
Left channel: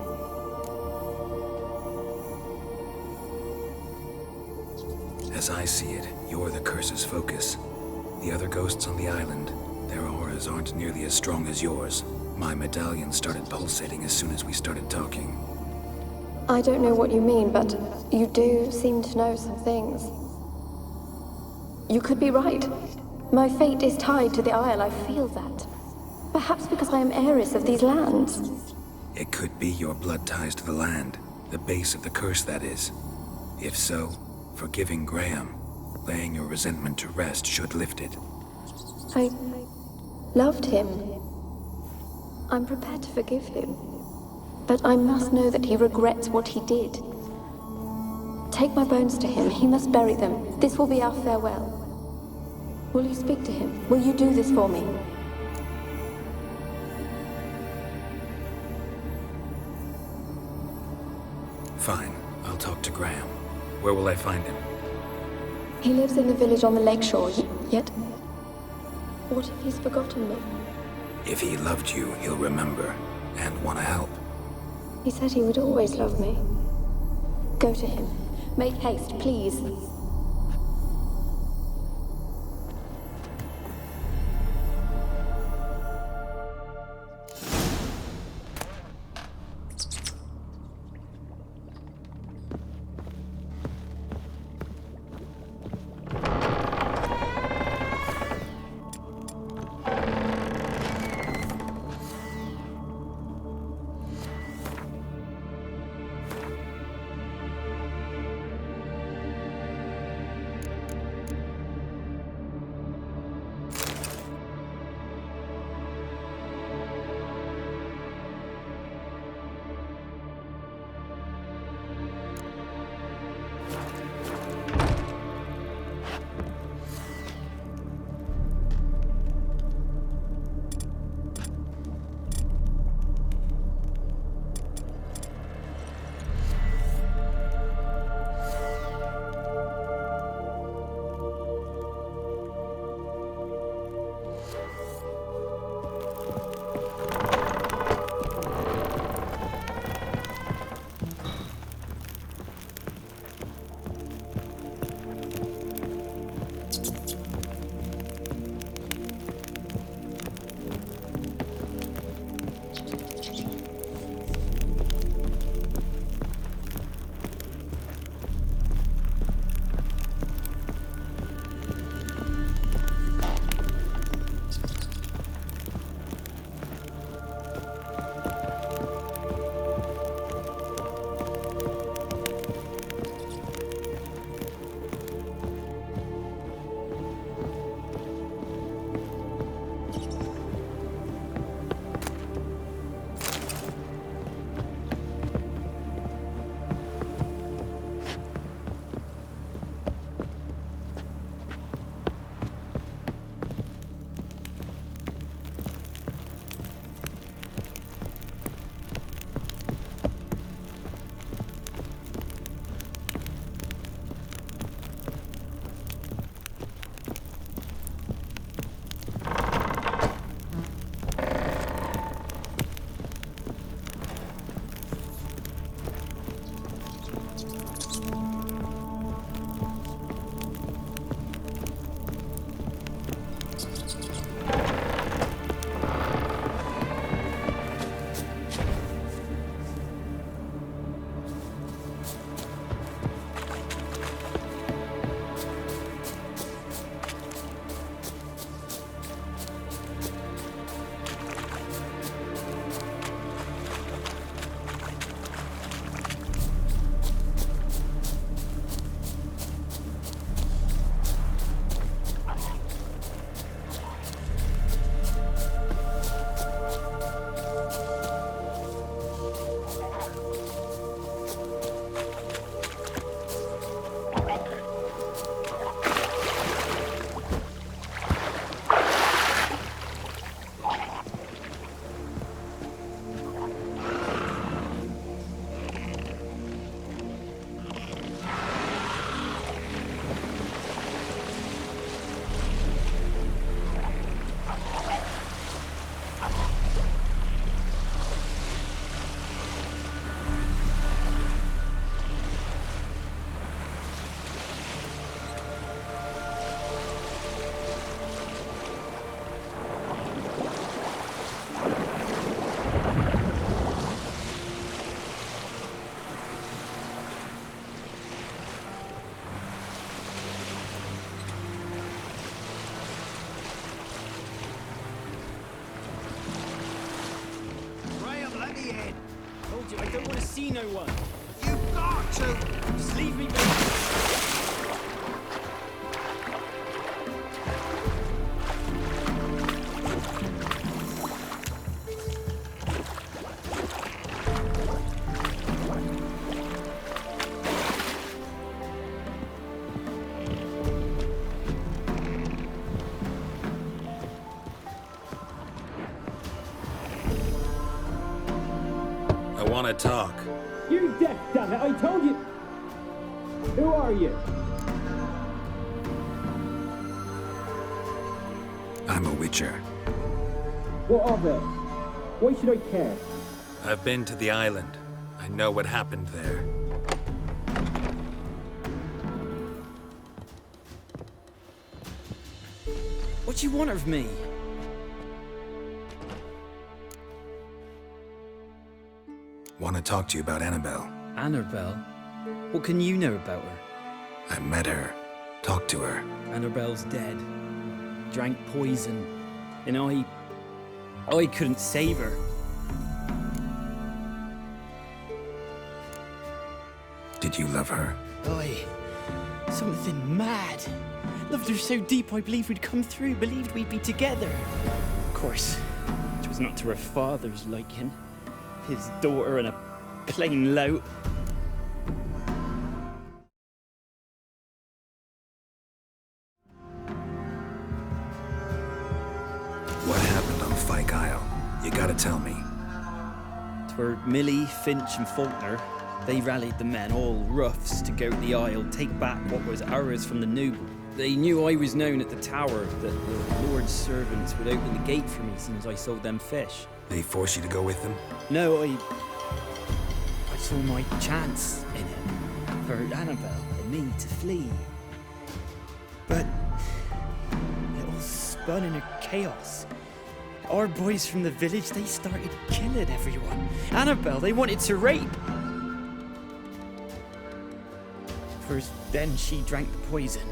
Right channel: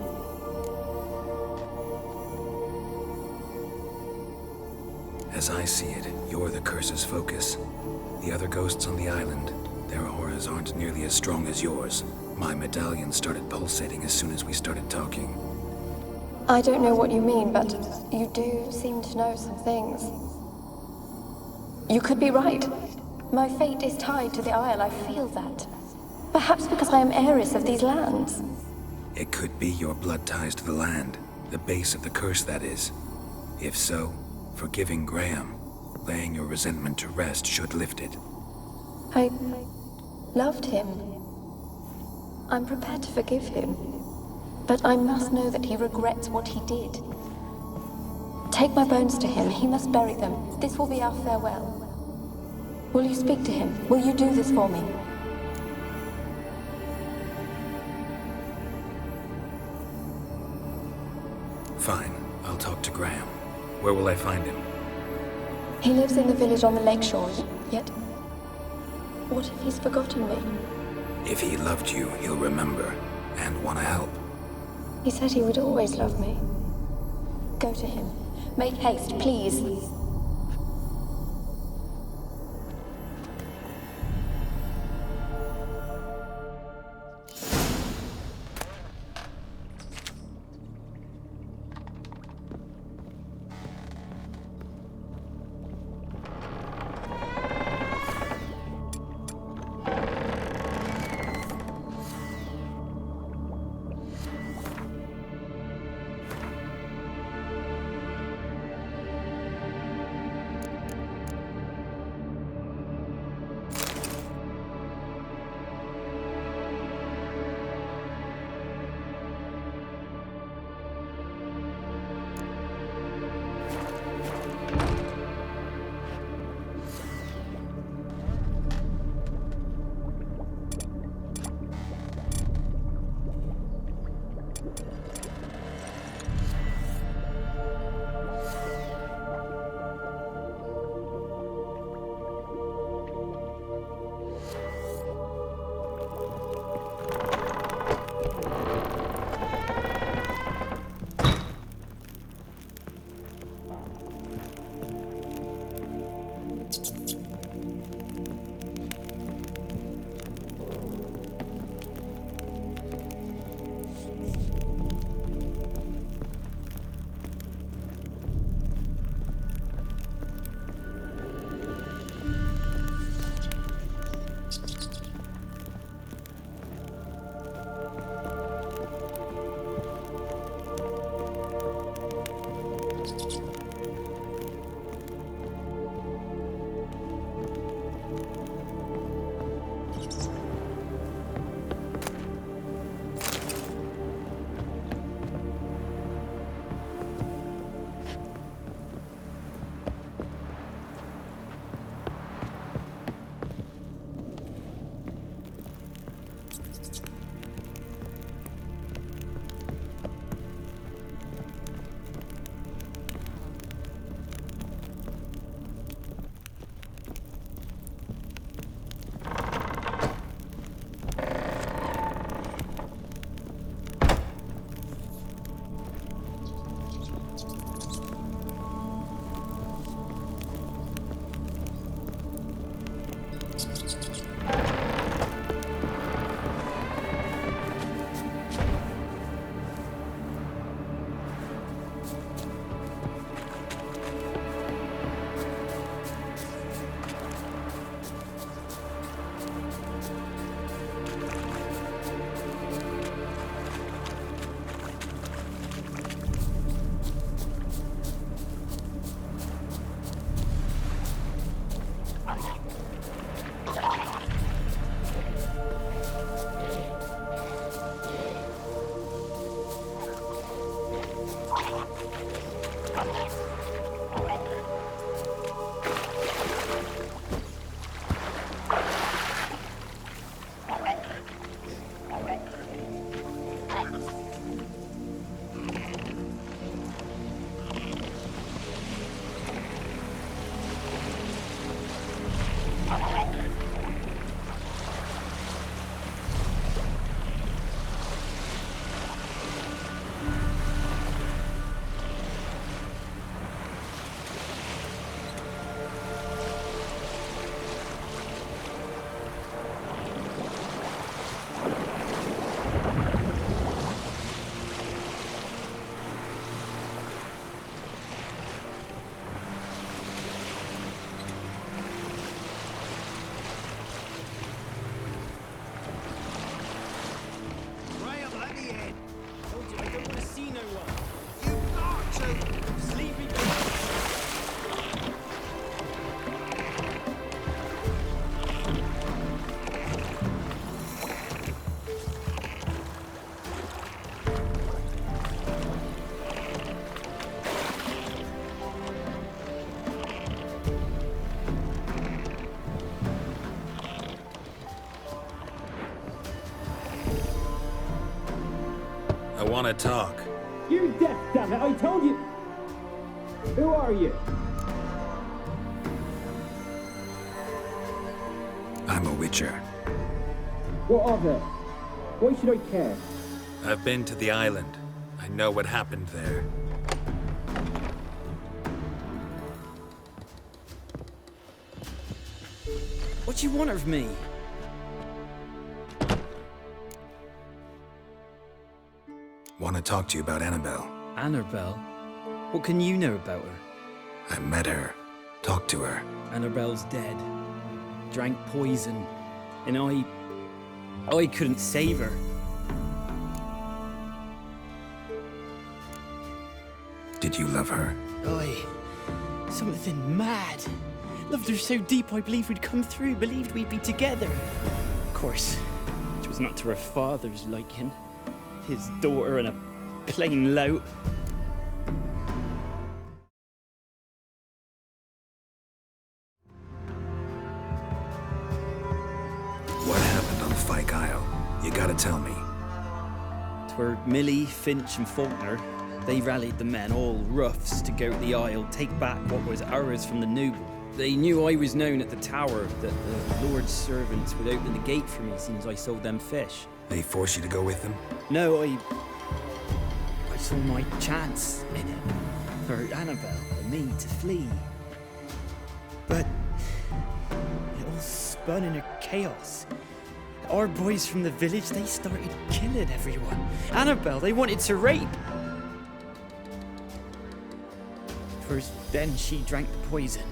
As I see it, you're the curse's focus. The other ghosts on the island, their auras aren't nearly as strong as yours. My medallion started pulsating as soon as we started talking. I don't know what you mean, but you do seem to know some things. You could be right. My fate is tied to the Isle, I feel that. Perhaps because I am heiress of these lands. It could be your blood ties to the land, the base of the curse, that is. If so, forgiving Graham, laying your resentment to rest should lift it. I loved him. I'm prepared to forgive him. But I must know that he regrets what he did. Take my bones to him. He must bury them. This will be our farewell. Will you speak to him? Will you do this for me? Fine. I'll talk to Graham. Where will I find him? He lives in the village on the lakeshore, yet... What if he's forgotten me? If he loved you, he'll remember, and want to help. He said he would always love me. Go to him. Make haste, please. staying. Told you I don't want to see no one. You've got to. Just leave me be. I want to talk. You're deaf, damn it! I told you! Who are you? I'm a witcher. What of it? Why should I care? I've been to the island. I know what happened there. What do you want of me? Want to talk to you about Annabelle. Annabelle? What can you know about her? I met her. Talked to her. Annabelle's dead. Drank poison. And I couldn't save her. Did you love her? Something mad. Loved her so deep I believed we'd come through, believed we'd be together. Of course, it was not to her father's liking. His daughter and a plain lout. What happened on Fyke Isle? You gotta tell me. 'Twere Millie, Finch and Faulkner. They rallied the men, all roughs, to go to the Isle, take back what was ours from the noble. They knew I was known at the tower, that the Lord's servants would open the gate for me as soon as I sold them fish. They forced you to go with them? No, I saw my chance in it, for Annabelle and me to flee. But it all spun in a chaos. Our boys from the village, they started killing everyone. Annabelle, they wanted to rape. First, then she drank the poison.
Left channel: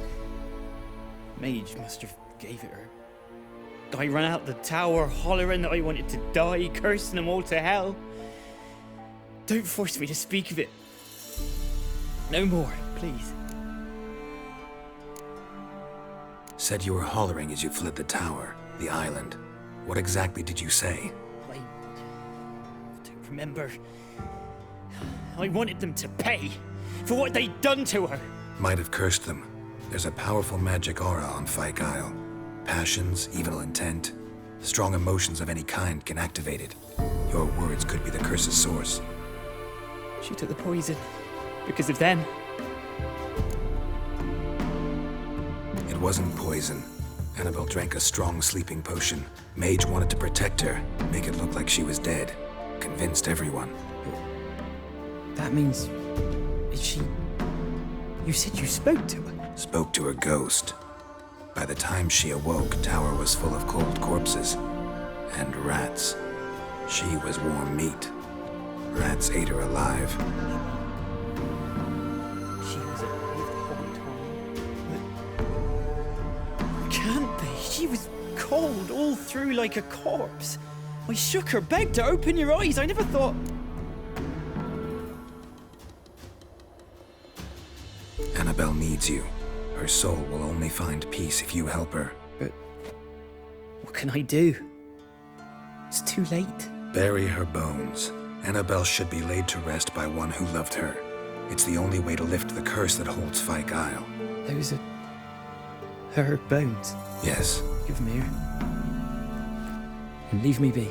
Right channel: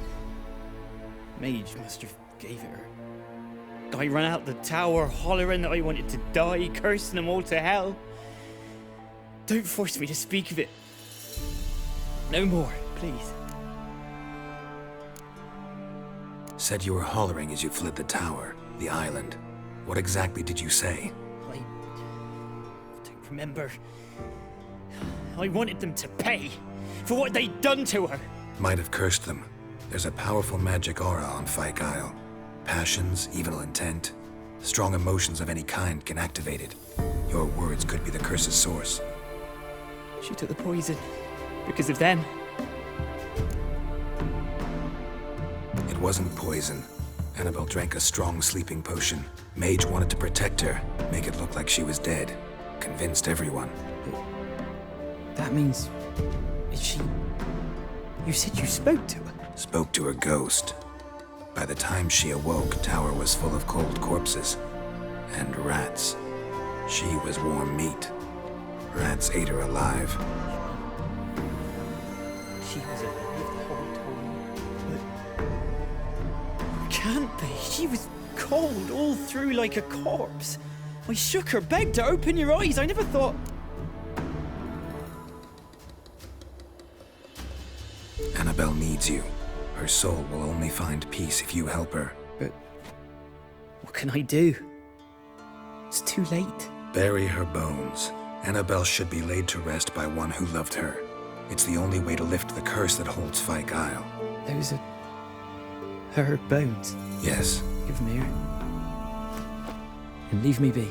Mage must have gave it her. I ran out the tower, hollering that I wanted to die, cursing them all to hell. Don't force me to speak of it. No more, please. Said you were hollering as you fled the tower, the island. What exactly did you say? I don't remember. I wanted them to pay for what they'd done to her. Might have cursed them. There's a powerful magic aura on Fyke Isle. Passions, evil intent, strong emotions of any kind can activate it. Your words could be the curse's source. She took the poison because of them. It wasn't poison. Annabelle drank a strong sleeping potion. Mage wanted to protect her, make it look like she was dead. Convinced everyone. That means... is she... You said you spoke to her? Spoke to her ghost. By the time she awoke, tower was full of cold corpses. And rats. She was warm meat. Rats ate her alive. She was alive the whole time? But... can't be. She was cold all through like a corpse. I shook her, begged her, open your eyes. I never thought... Annabelle needs you. Her soul will only find peace if you help her. But... what can I do? It's too late. Bury her bones. Annabelle should be laid to rest by one who loved her. It's the only way to lift the curse that holds Fyke Isle. Those are... her bones? Yes. Give them here. And leave me be.